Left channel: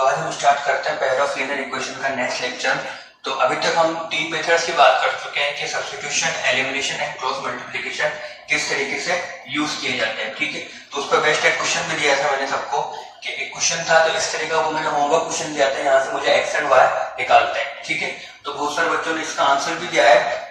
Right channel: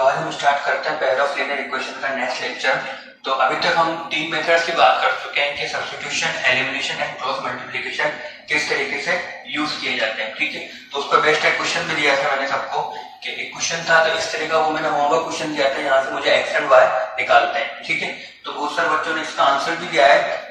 तो आज हम स्टार्ट करते हैं पेयर ऑफ लीनियर इक्वेशन का नेक्स्ट लेक्चर। तो अभी तक हम तीन मेथड्स की बात कर चुके हैं कि substitution, elimination and cross multiplication किस तरीके से यूज किए जाते हैं। ठीक है, तो उस पर बेस्ट एक क्वेश्चन भी दिया था मैंने सबको कि एक क्वेश्चन था तो इस तरह का, वो मैंने होमवर्क क्वेश्चन दिया था, यहाँ से मुझे एक्स एंड वाई निकालते हैं। ठीक है, तो बहुत सारे बच्चों ने इसका आंसर भी दिया है,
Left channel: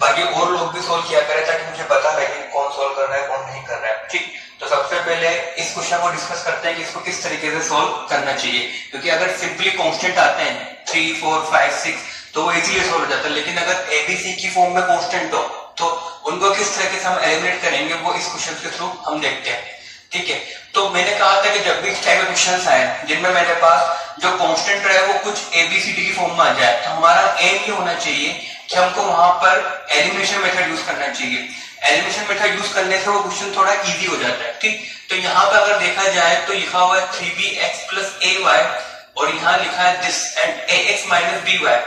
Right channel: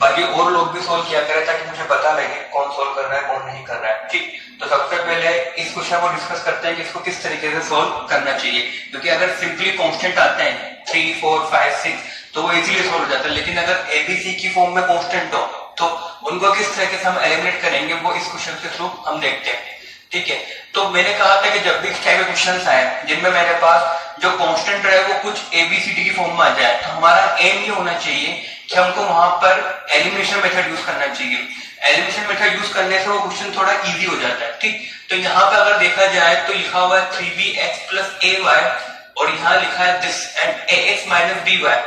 बाकी और लोग भी सोल्व किया करें ताकि मुझे पता लगे कौन सोल्व कर रहा है कौन नहीं कर रहा है। ठीक, तो सबसे पहले इस क्वेश्चन को डिस्कस करते हैं कि इसको किस तरीके से सोल्व करना चाहिए, क्योंकि अगर सिंपली कांस्टेंट आते हैं 3, 4, 5, 6 तो वो इजीली सोल्व हो जाता है, लेकिन अगर एबीसी की फॉर्म में कांस्टेंट हो तो उनको किस तरीके से हम एलिमिनेट करेंगे वो इस क्वेश्चन के थ्रू हम देखते हैं। ठीक है, तो मैंने कहा था कि जब भी इस टाइप के क्वेश्चंस आए जिनमें मेरे पास जो कांस्टेंट रहे वो कुछ एबीसीडी की फॉर्म में आ जाए, तो हमारा एम ये होना चाहिए कि हमको वहां पर एलिमिनेशन मेथड यूज करना चाहिए। एलिमिनेशन मेथड यूज करने से वो क्वेश्चन थोड़ा इजी हो जाता है। ठीक, तो यहाँ पे अगर देखा जाए तो लिखा हुआ है 3bx प्लस ay और यहाँ लिखा है this and ax minus by।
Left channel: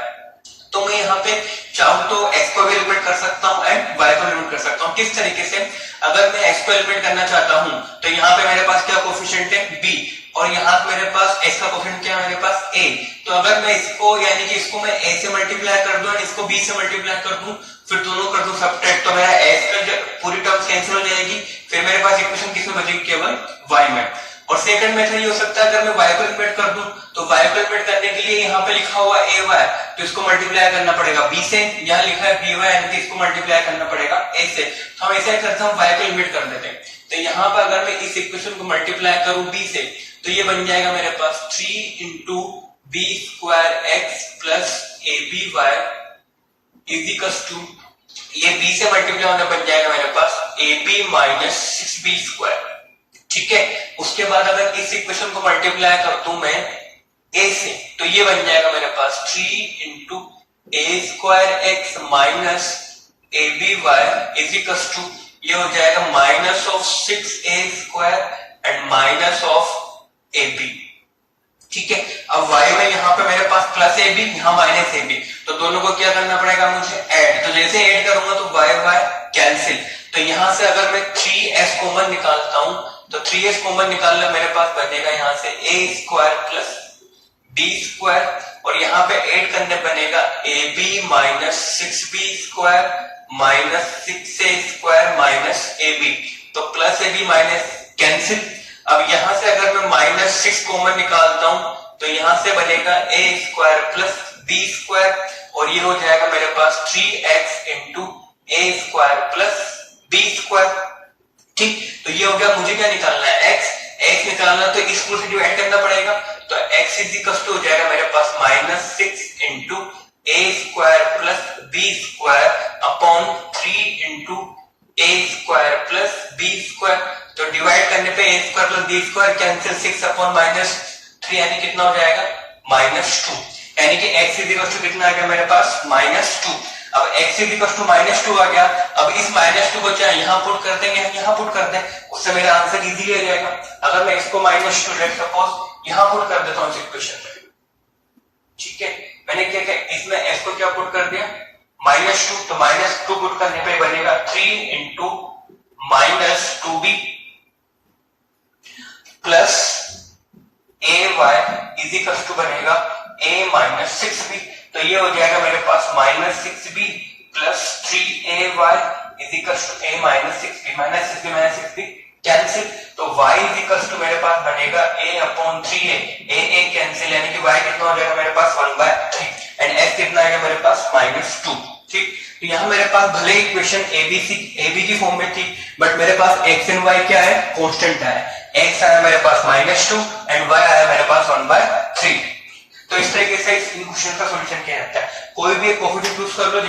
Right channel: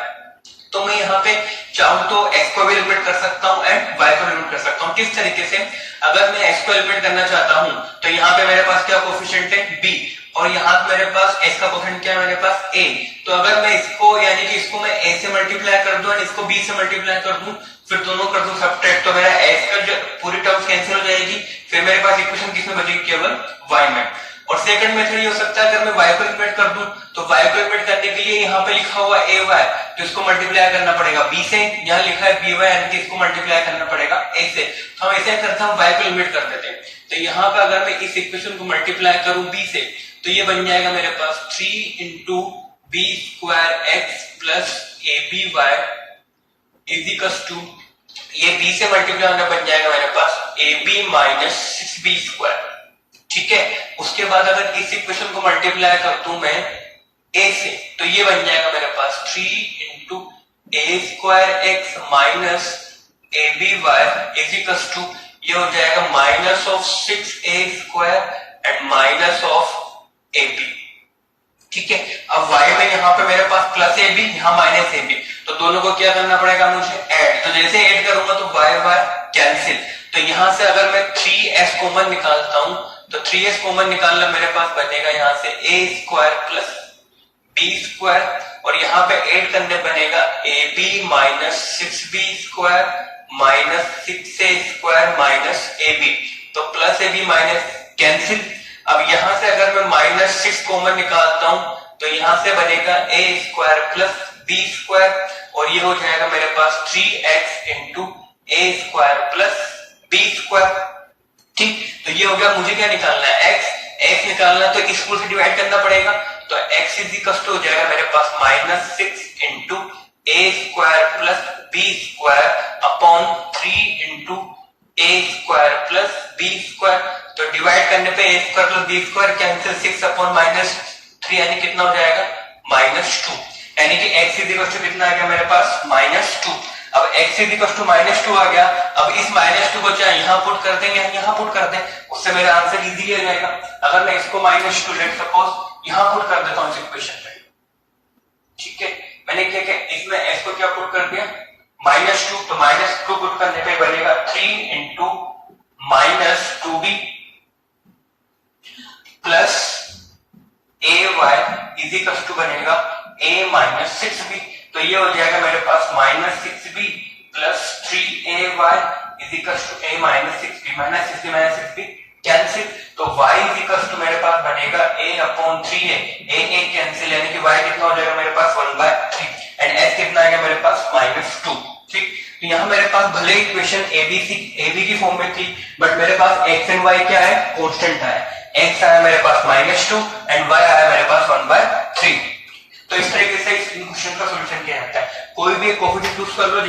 तो मैं यहाँ पे चाहूँ तो x को भी एलिमिनेट कर सकता हूँ एंड y को एलिमिनेट कर सकता हूँ। किस तरीके से, अगर मैं x को एलिमिनेट करना चाहता हूँ तो यहाँ पे मेरे पास क्या कोफिशिएंट है b और यहाँ मेरे पास x का कोफिशिएंट क्या है मेरे पास a। तो अगर मैं इसको यानी कि इसको मैं a से मल्टीप्लाई कर दूं और इसको b से मल्टीप्लाई कर दूं, फिर दोनों कर दूं सब्ट्रैक्ट, तो मेरा s का पूरी टर्म्स कैंसिल हो जाएगी, फिर मेरे पास इक्वेशन किसमें बचेगी, केवल y में। और सेकंड मेथड ये हो सकता है अगर मैं y को एलिमिनेट कर दूं तो y को एलिमिनेट करने के लिए यहाँ पे लिखा हुआ ay तो इसको मल्टीप्लाई करना पड़ेगा b से, यहाँ लिखा है by यानी कि इसको मल्टीप्लाई करना पड़ेगा a से। तो हम ऐसे करते हैं, हम y को एलिमिनेट कर देते हैं। तो यहाँ पे अगर मैं इस इक्वेशन को मल्टीप्लाई करूं b से तो ये बन जाएगा मेरे पास 3 into b square x plus a b y is equals to, ये b से मल्टीप्लाई होकर बन जाएगा मेरे पास a b minus 6b square. ठीक है, उसके बाद अगर इस इक्वेशन को मल्टीप्लाई कर दूं मैं a से तो ये बन जाएगा मेरे पास 3 into a square x minus a b y is equals to, ये हो जाएगा minus of 6a square and minus of a b. ठीक है, अब y में यहाँ पे मेरे पास प्लस ए बी, यहाँ माइनस ए बी, तो दोनों को क्या करना पड़ेगा मुझे, ऐड। तो जैसे ऐड करूंगा तो y y कैंसिल, तो यहाँ से अगर मैं 3s कॉमन निकालता हूं तो 3s कॉमन निकालना मेरे पास बनेगा यहाँ से a square plus b square और यहाँ पे ऐड करने बनेगा a b minus 6b square minus 6a square minus a b, तो plus a b minus cancel. अब यहां से अगर मैं माइनस 6 कॉमन निकालता हूं तो यहां से बनेगा a square plus b square और ये हो जाएगा मेरे पास 3x into a square plus b square. ठीक, तो ये हो गया, मुझे क्या निकालना है, x निकालना, तो इसको से डिवाइड करना पड़ेगा, तो x इज इक्वल टू हो जाएगा मेरे पास minus 6 into a square plus b square upon 3 into a square plus b square. तो डिवाइड करने पे a square plus b square cancel, 6 upon minus 3 यानी कितना हो जाएगा -2, यानी कि x इज इक्वल टू कितना आ गया मेरे पास -2। अब x इज इक्वल टू -2 आ गया, अब इस -2 को चाहे यहाँ पुट कर देंगे, हम यहाँ पुट कर दें, उससे मेरा आंसर इजीली आ जाएगा। अगर मैं इसको -2 लेट सपोज यहाँ पुट कर देता हूँ इस इक्वेशन में, ठीक है, मैंने क्या किया, इसमें s को क्या पुट कर दिया -2, तो -2 पुट करने पे बनेगा 3 into minus 2b plus a y is equal to बनेगा a माइनस 6b, तो ये हो जाएगा मेरे पास माइनस 6b प्लस 3ay is equal to a minus 6b, minus 6b minus 6b cancel, तो y इज इक्वल टू मेरे पास बनेगा a upon 3a, a cancel, यानी कि y कितना हो जाएगा मेरे पास 1/3 एंड s कितना आएगा मेरे पास -2। ठीक, तो यहाँ मेरे पास भले इक्वेशन AB की फॉर्म में थी बट मेरे पास x एंड y क्या है, कांस्टेंट है, x आया मेरे पास -2 एंड y आया मेरे पास 1/3। तो इस तरीके से इस क्वेश्चन का सॉल्यूशन क्या होता है, कोई भी एक कोएफिशिएंट चूज कर लो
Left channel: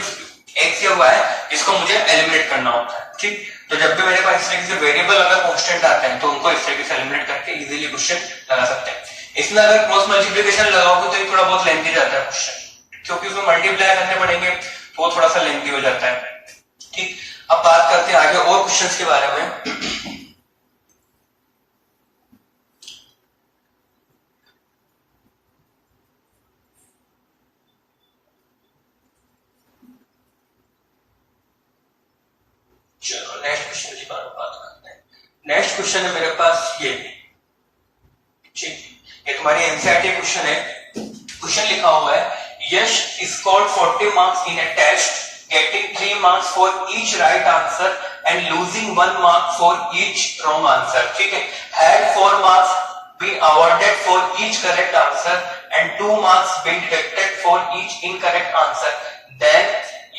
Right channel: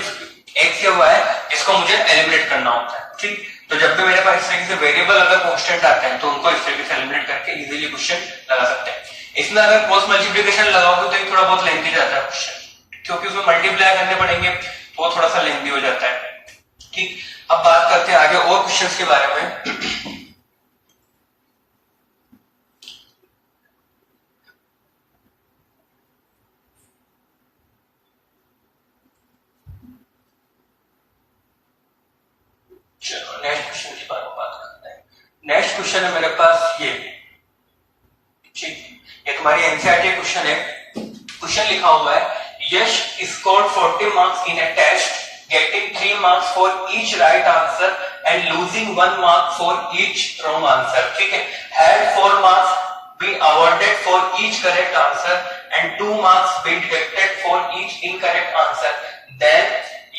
x या y जिसको मुझे एलिमिनेट करना होता है। ठीक, तो जब भी मेरे पास इस तरीके से वेरिएबल अगर कांस्टेंट आते हैं तो उनको इस तरीके से एलिमिनेट करके इजीली क्वेश्चन लगा सकते हैं। इसमें अगर क्रॉस मल्टीप्लिकेशन लगाओगे तो ये थोड़ा बहुत लेंथी जाता है क्वेश्चन, क्योंकि उसमें मल्टीप्लाई करने पड़ेंगे तो वो थोड़ा सा लेंथी हो जाता है। ठीक, अब बात करते हैं आगे और क्वेश्चंस के बारे में। चलो नेक्स्ट क्वेश्चन की बात करते हैं। नेक्स्ट क्वेश्चन है मेरे पास ये, ठीक, ये हमारी एनसीईआरटी क्वेश्चन है, क्वेश्चन लिखा हुआ है Yash scored 40 marks in a test getting 3 marks for each right answer and losing 1 mark for each wrong answer. ठीक है, had 4 marks been awarded for each correct answer and 2 marks been deducted for each incorrect answer, then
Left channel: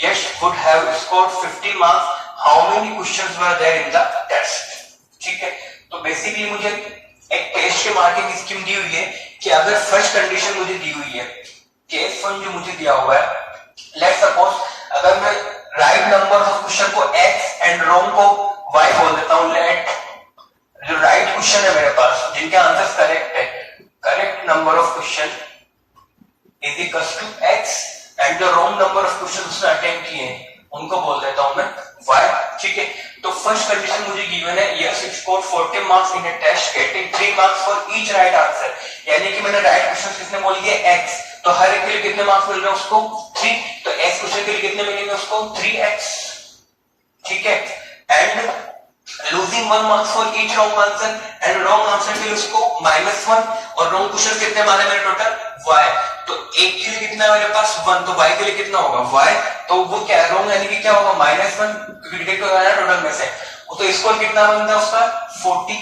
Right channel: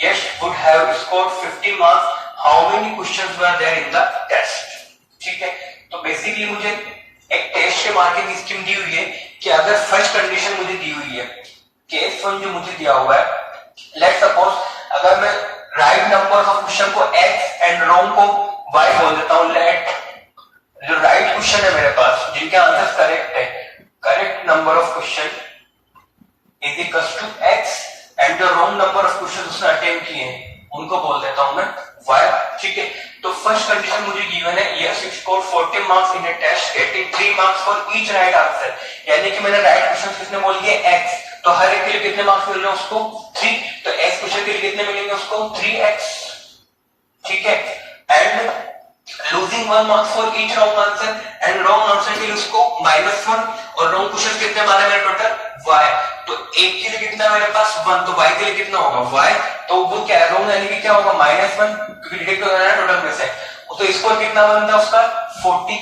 Yash would have scored 50 marks. How many questions were there in the test? ठीक है, तो basically मुझे एक test के marking scheme दी हुई है कि अगर फर्स्ट कंडीशन मुझे दी हुई है, केस 1 जो मुझे दिया हुआ है, लेट्स सपोज अगर मैं राइट नंबर ऑफ क्वेश्चन को x एंड रॉन्ग को y बोल देता हूं, लेट जो राइट क्वेश्चन है मेरे पास जिनके आंसर्स करेक्ट है, correct number of question is equal to x and the wrong number of question उसने अटेम्प्ट किए हैं उनको बोल देता हूं मैं y. ठीक है, तो फर्स्ट कंडीशन मुझे गिवन है Yash score 40 marks in a test getting 3 marks for each right answer, यानी कि मैंने राइट क्वेश्चन किसने बोल दिया x, तो हर एक के लिए कितने मार्क्स मिल रहे हैं उसको 3, तो x क्वेश्चन के लिए कितने मिलेंगे उसको 3x. ठीक है, and losing 1 marks for each wrong answer and wrong answer के लिए उसको -1 और रॉन्ग क्वेश्चन कितने मारे मेरे टोटल y, तो एक के लिए कितना मेरे पास 1, तो y के लिए कितना होगा y, तो वो क्या है रॉन्ग यानी कि क्या होगा -1 क्योंकि डिडक्ट हो रहा है टोटल में से, तो स्कोर कितना बनता है उसका 40.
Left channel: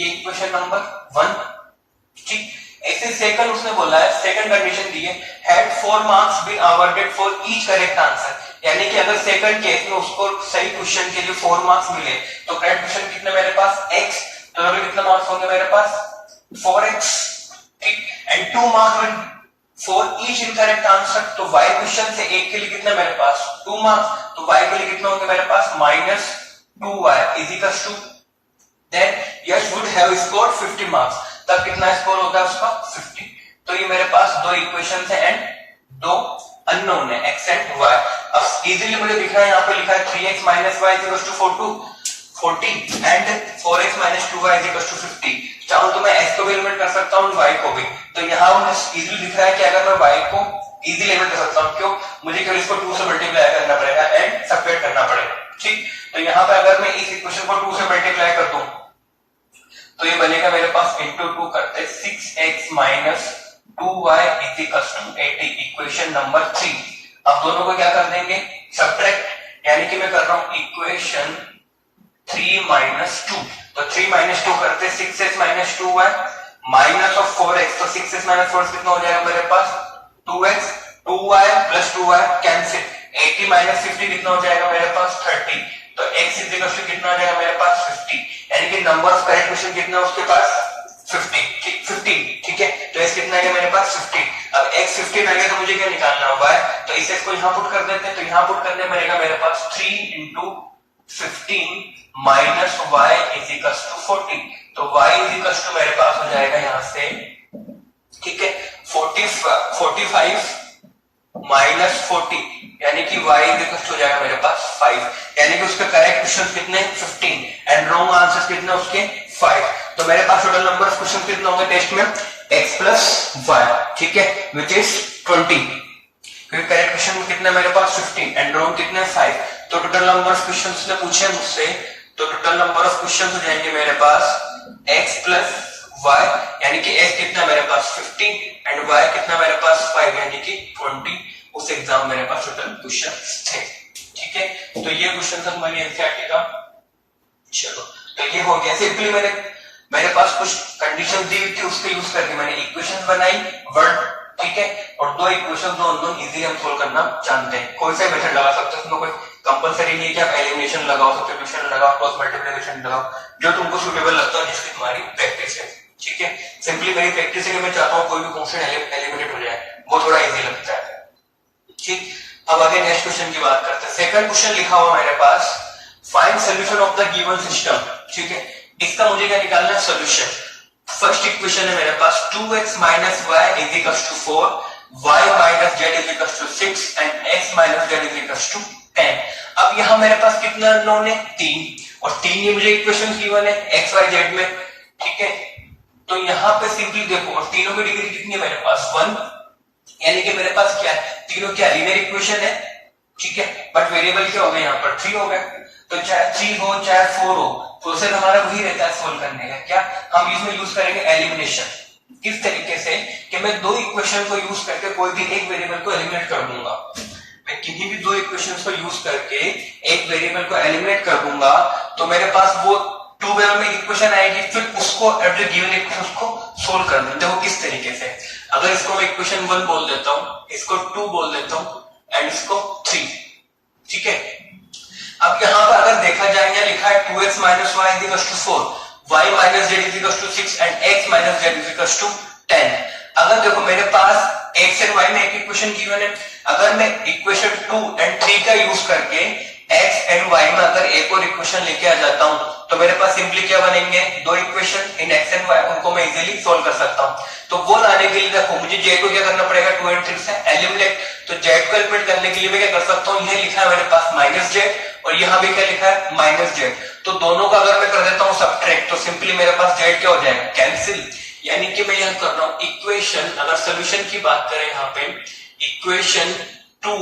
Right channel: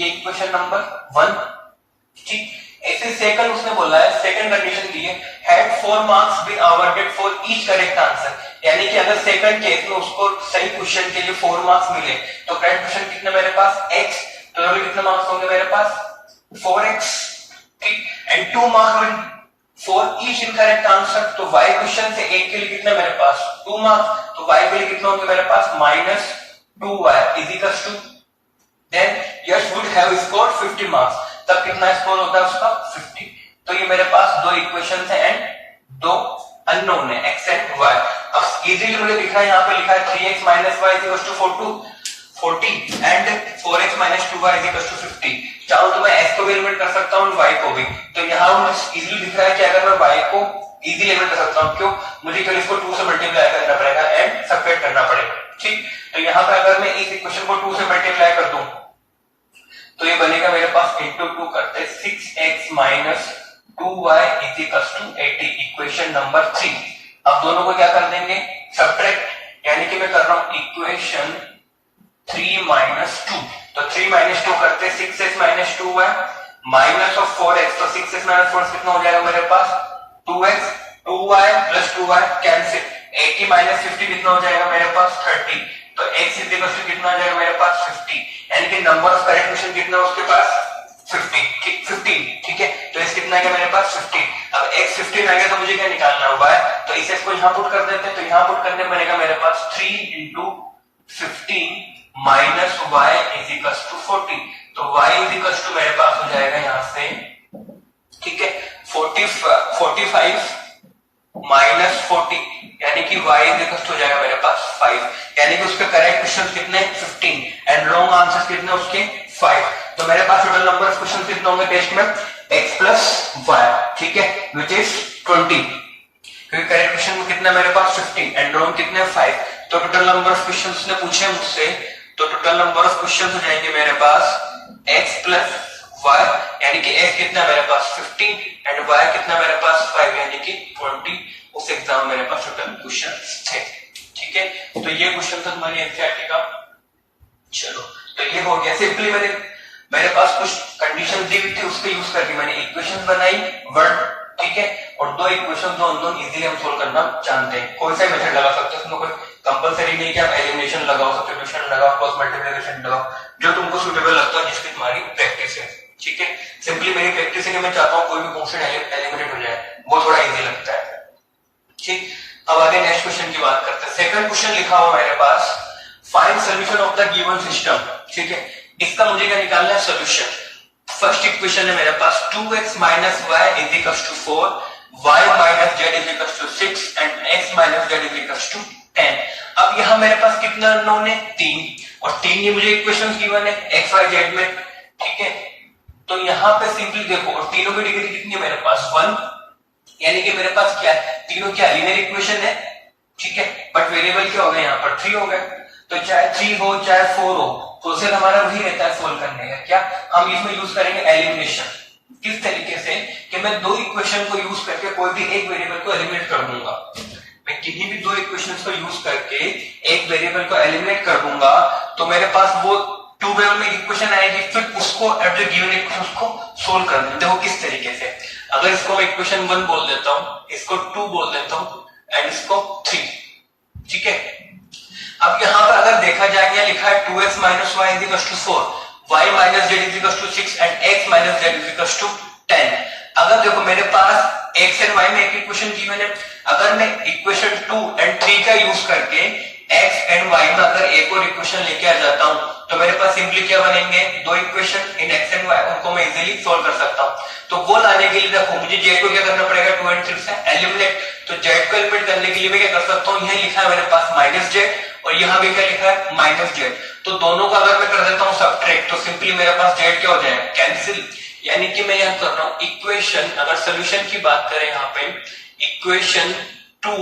ये इक्वेशन नंबर 1. ठीक, ऐसे सेकंड उसने बोला है, सेकंड कंडीशन दी है had 4 marks been awarded for each correct answer, यानी कि अगर सेकंड केस में उसको सही क्वेश्चन के लिए 4 मार्क्स मिले तो करेक्ट क्वेश्चन कितने मेरे पास x, तो टोटल कितने मार्क्स होंगे मेरे पास 4x. ठीक, and 2 marks for each incorrect answer, तो y क्वेश्चन से एक के लिए कितने मेरे पास 2 मार्क्स, तो y के लिए कितना होंगे मेरे पास -2y is equal to, then Yash would have scored 50 marks, तब कितना स्कोर होगा उसका 50. तो ये मेरे पास दो इक्वेशंस है एंड दो अननोन है x एंड y. अब इजीली मुझे दिख रहा है यहाँ पे लिखा है 3x - y = 40 and 4x - 2y = 50. चाहो तो मैं x को भी एलिमिनेट कर सकता हूँ y को भी, तो यहाँ मुझे इजीली दिख रहा है कि अगर मैं y को इजीली एलिमिनेट कर सकता हूँ, क्यों, मुझे केवल इसको 2 से मल्टीप्लाई करना पड़ेगा एंड सबट्रैक्ट करना पड़ेगा. ठीक, तो यहाँ पे अगर मैं इस इक्वेशन को 2 से मल्टीप्लाई कर दूं तो ये बनेगा मेरे पास इंटू 2 करते 6x - 2y = 80, इक्वेशन नंबर 3. अब दोनों को क्या कर देंगे सबट्रैक्ट, यानी कि मैं कर रहा हूं इक्वेशन 3 - 2, तो 3 - 2 करते 6x - 2y minus of 4x, तो 6x - 4 कितना हो जाएगा मेरे पास 2x, 2y + 2y कैंसिल, 80 - 50 कितना हो जाएगा मेरे पास 30, तो x = कितना आ जाएगा मेरे पास 50, यानी कि नंबर ऑफ करेक्ट क्वेश्चन कितना है उसके पास 15. ठीक है, तो x कितना आएगा मेरे पास 15. अब x 15 आ गया तो मुझे क्या निकालना होगा, तो इसे इसको यहां पुट कर देते हैं, तो यहां पुट करने पड़ेगा मेरे पास 3 × 15 माइनस y = 40, तो y = मेरे पास हो जाएगा यहां से, ठीक है, 45 - 40, यानी कि y हो जाएगा मेरे पास 5, यानी कि उसके करेक्ट क्वेश्चन कितने 15 एंड रॉन्ग आंसर कितने उसके 5. तो मेरे पास टोटल नंबर ऑफ क्वेश्चन कितने होंगे टेस्ट में x + y. ठीक है, विच इज 20, क्योंकि करेक्ट क्वेश्चन में कितना मेरे पास 15 एंड रॉन्ग कितने 5, तो टोटल नंबर ऑफ क्वेश्चन उसने पूछे मुझसे, तो टोटल नंबर ऑफ क्वेश्चन हो जाएंगे मेरे पास x + y, यानी कि x कितना मेरे पास 15 एंड y कितना मेरे पास 5, यानी कि 20. उस एग्जाम मेरे पास टोटल क्वेश्चन थे. ठीक है, तो ये क्वेश्चन था हमारी एनसीईआरटी का. चलो, तो ये हो गया. सिंपली मेरे पास कुछ कंडीशन दी हुई थी, उसको यूज करके मैंने इक्वेशन बनाई वर्ड, ठीक है, और दो इक्वेशन दो इजीली हम सोल्व करना जानते हैं. कोई सा मेथड लगा सकते हैं, उसमें कोई कंपलसरी नहीं कि आप एलिमिनेशन लगाओ, सब्स्टिट्यूशन लगाओ, क्रॉस मल्टीप्लिकेशन लगाओ, जो तुमको सुटेबल लगता है, जिसकी तुम्हारी प्रैक्टिस है. ठीक है, सिंपली मेरी प्रैक्टिस है कि मैं चाहता हूँ कोई भी क्वेश्चन एलिमिनेट हो जाए, वो थोड़ा इजी लगता है. ठीक, अब आगे नेक्स्ट क्वेश्चन की बात करते हैं. सेकंड क्वेश्चन लिखा हुआ मेरे पास, find solution of the given system. ठीक है, इसका मुझे क्या निकालना है सोल्यूशन. फर्स्ट इक्वेशन है मेरे पास 2x - y = 4, y - z = 6 and x - z = 10. अब यहां मेरे पास कितना अननोन है 3, और 3 ये मुझे इक्वेशंस गिवन है x y z में. ठीक है, तो यहां पे सिंपली देखो, और तीनों की डिग्री कितनी है मेरे पास 1, यानी कि मेरे पास क्या है, तीनों क्या लीनियर इक्वेशन है. ठीक है, बट वेरिएबल क्या हो गए यहाँ पर 3 हो गए, तो चाहे 3 हो चाहे 4 हो, प्रोसेस हमारा वही रहता है सोल्व करने का. क्या हम इसमें यूज करेंगे एलिमिनेशन. किस तरीके से कि मैं दो इक्वेशन को यूज करके कोई भी एक वेरिएबल को एलिमिनेट कर दूंगा। मैं किन्हीं भी दो इक्वेशंस को यूज करके एक वेरिएबल को एलिमिनेट कर दूंगा तो मेरे पास वो टू वे में इक्वेशन आएगी, फिर उसको एट द गिवन इक्वेशन उसको सोल्व कर देते हो। किस तरीके से, अगर इसको मैं इक्वेशन 1 बोल देता हूं, इसको 2 बोल देता हूं एंड इसको 3, ठीक है। अब यहाँ पर अगर देखा जाए लिखा है 2x minus y is equal to 4, y minus z is equal to 6 and x minus z is equal to 10। अगर देखो मेरे पास x एंड y में एक इक्वेशन गिवन है, अगर मैं इक्वेशन 2 एंड 3 का यूज करके x एंड y में अगर एक और इक्वेशन लेके आ जाता हूं तो मेरे पास सिंपली क्या बनेंगे, दो equation in x and y, उनको मैं इजीली सोल्व कर सकता हूं। तो वो लाने के लिए देखो मुझे z को क्या करना पड़ेगा, 2 एंड 3 से एलिमिनेट। तो z को एलिमिनेट करने के लिए मैं क्या कर सकता हूं, यह लिखा है मेरे पास माइनस z और यहाँ भी क्या लिखा है माइनस z। तो दोनों का अगर मैं कर देता हूँ सबट्रैक्ट तो सिंपली मेरे पास z क्या हो जाएगा, कैंसिल। यानी कि मैं यहाँ कर रहा हूँ इक्वेशन, अगर सोल्यूशन की बात करें यहाँ पे इक्वेशन 2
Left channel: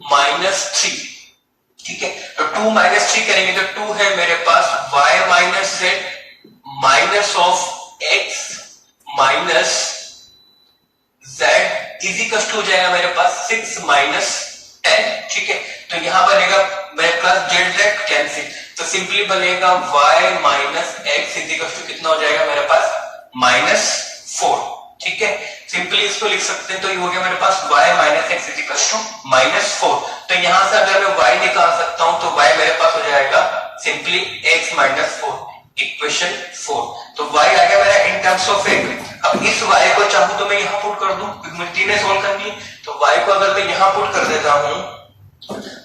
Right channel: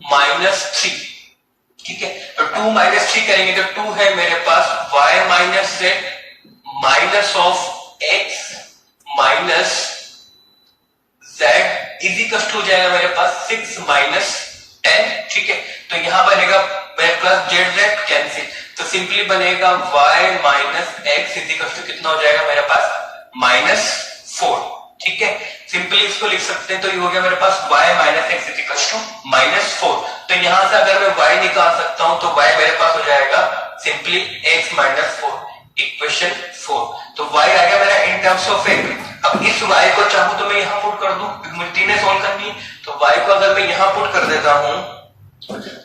माइनस 3, ठीक है। तो 2 माइनस 3 करेंगे तो 2 है मेरे पास y minus z minus of x minus z is equal to हो जाएगा मेरे पास 6 माइनस 10, ठीक है। तो यहां बनेगा मेरे पास जेड जेड कैंसिल, तो सिंपली बनेगा y minus x is equal to कितना हो जाएगा मेरे पास माइनस 4, ठीक है। सिंपली इसको लिख सकते हैं, तो ये हो गया मेरे पास y minus x is equal to minus 4। तो यहां से अगर मैं y निकाल सकता हूं तो y मेरे पास हो जाएगा सिंपली x माइनस 4, इक्वेशन 4। तो y आ गया मेरा इन टर्म्स ऑफ x। अब इस y को चाहूं तो मैं यहां पुट कर दूं, मुझे तीनों सोल्व करनी है। तो y को अगर मैं यहां पुट कर देता हूं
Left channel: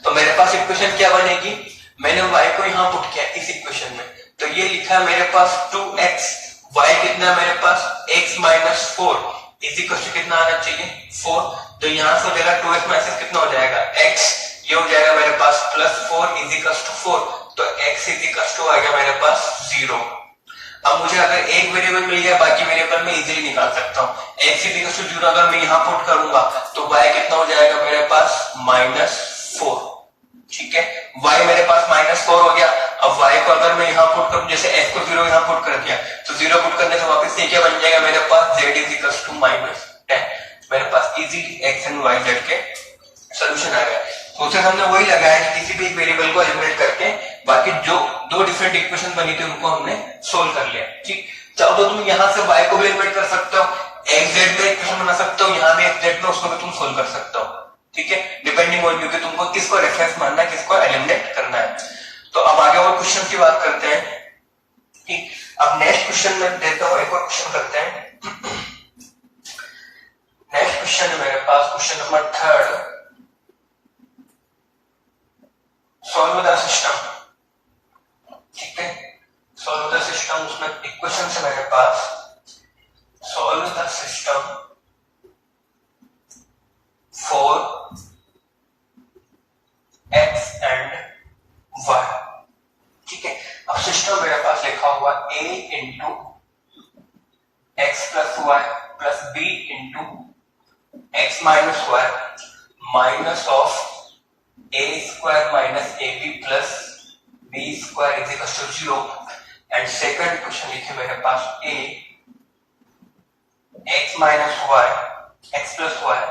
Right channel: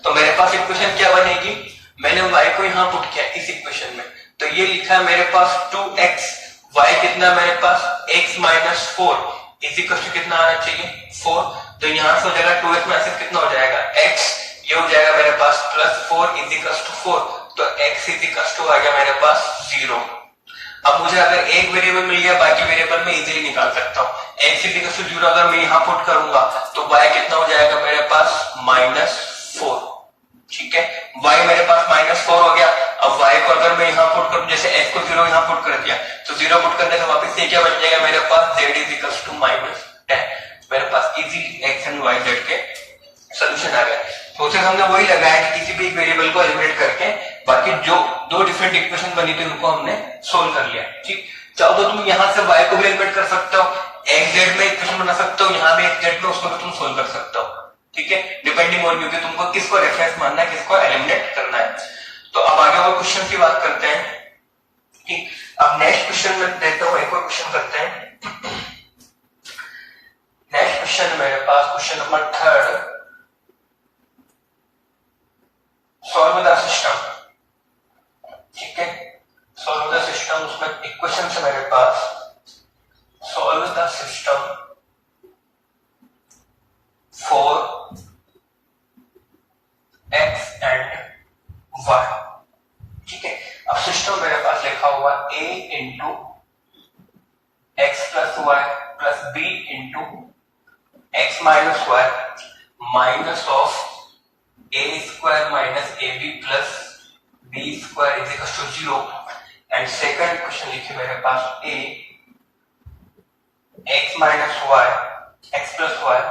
तो मेरे पास इक्वेशन क्या बनेगी, मैंने y को यहां पुट किया इस इक्वेशन में, तो ये लिखा है मेरे पास 2x, y कितना मेरे पास x minus 4 is equal to कितना आना चाहिए 4। तो यहां से हो जाएगा 2x माइनस कितना हो जाएगा x, ये हो जाएगा मेरे पास प्लस 4 इज इक्वल टू 4। तो x इज इक्वल टू आ गया मेरे पास 0। अब मुझे अगर एक वेरिएबल मिल गया, बाकी वेरिएबल में इजीली निकाल सकता हूँ। x इज इक्वल टू 0 अगर मैं यहाँ पुट करूंगा तो y कितना हो जाएगा मेरे पास माइनस 4, ठीक है। y मेरे पास माइनस 4 हो गया। अब y को अगर मैं यहाँ पुट करूं, जैसे x को 0 यहाँ पुट कर दिया तो 0 पुट करने से वापस से क्या बन जाएगा मेरे पास z is equal to minus 10। मेरे पास इजी x एंड y z के सोल्यूशन आ गया। तो उसे हमने वही लगाया कि किसी भी एक वेरिएबल को एलिमिनेट करके बाकी जो दो डिफरेंट इक्वेशन बनी थी उनको हमने सोल्व कर लिया, ठीक। चाहो तो तुम यहाँ से y को भी एलिमिनेट कर सकते हो, x z में इक्वेशन बना सकते हो, यहाँ भी x z में उसको भी तुम सोल्व कर सकते हो, ठीक है। डिपेंडिंग ऑन यू कि तुमको किसको रेफरेंस मानना है, किसको एलिमिनेट करना है। तो अब आगे वो क्वेश्चन की बात करते हैं, ठीक। अब नेक्स्ट क्वेश्चन में देता हूं, एक और क्वेश्चन करते हैं। नेक्स्ट क्वेश्चन मेरे पास question number 3, solve the system, ठीक है। सॉल्व द सिस्टम, उसमें इक्वेशन है मेरे पास solve the system for x and y, ठीक है। अब सिस्टम मेरे पास लिखा हुआ a into x plus y plus b into x minus y minus of a square minus ab plus b square is equal to 0। And second equation लिखी मेरे पास a x minus y x plus y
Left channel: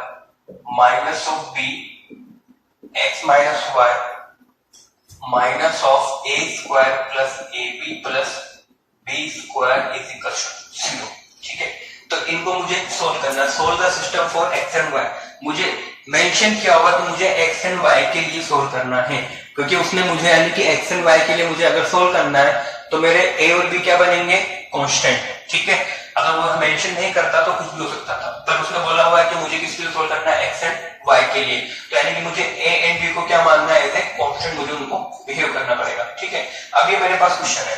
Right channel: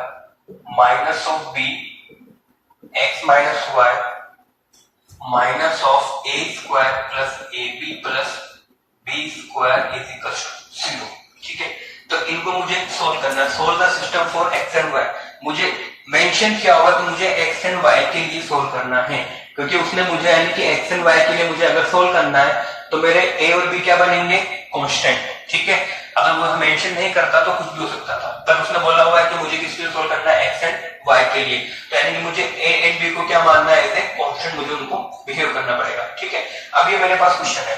minus of b x minus y minus of a square plus ab plus b square is equal to 0, ठीक है। तो इनको मुझे solve करना है। Solve the system for x and y, मुझे mention किया हुआ कि मुझे x एंड y के लिए सोल्व करना है, क्योंकि उसने मुझे यानी कि x एंड y के लिए मुझे अगर सोल्व करना है तो मेरे a और b क्या बनेंगे, कांस्टेंट, ठीक है। अगर वो मेंशन नहीं करता तो कुछ भी हो सकता था, पर उसने बोला हुआ है कि मुझे किसके लिए सोल्व करना है, x एंड y के लिए। तो यानी कि मुझे a एंड b को क्या मानना है, एज ए कांस्टेंट मुझे उनको बिहेव करना पड़ेगा, ठीक है। अभी मेरे पास क्वेश्चन है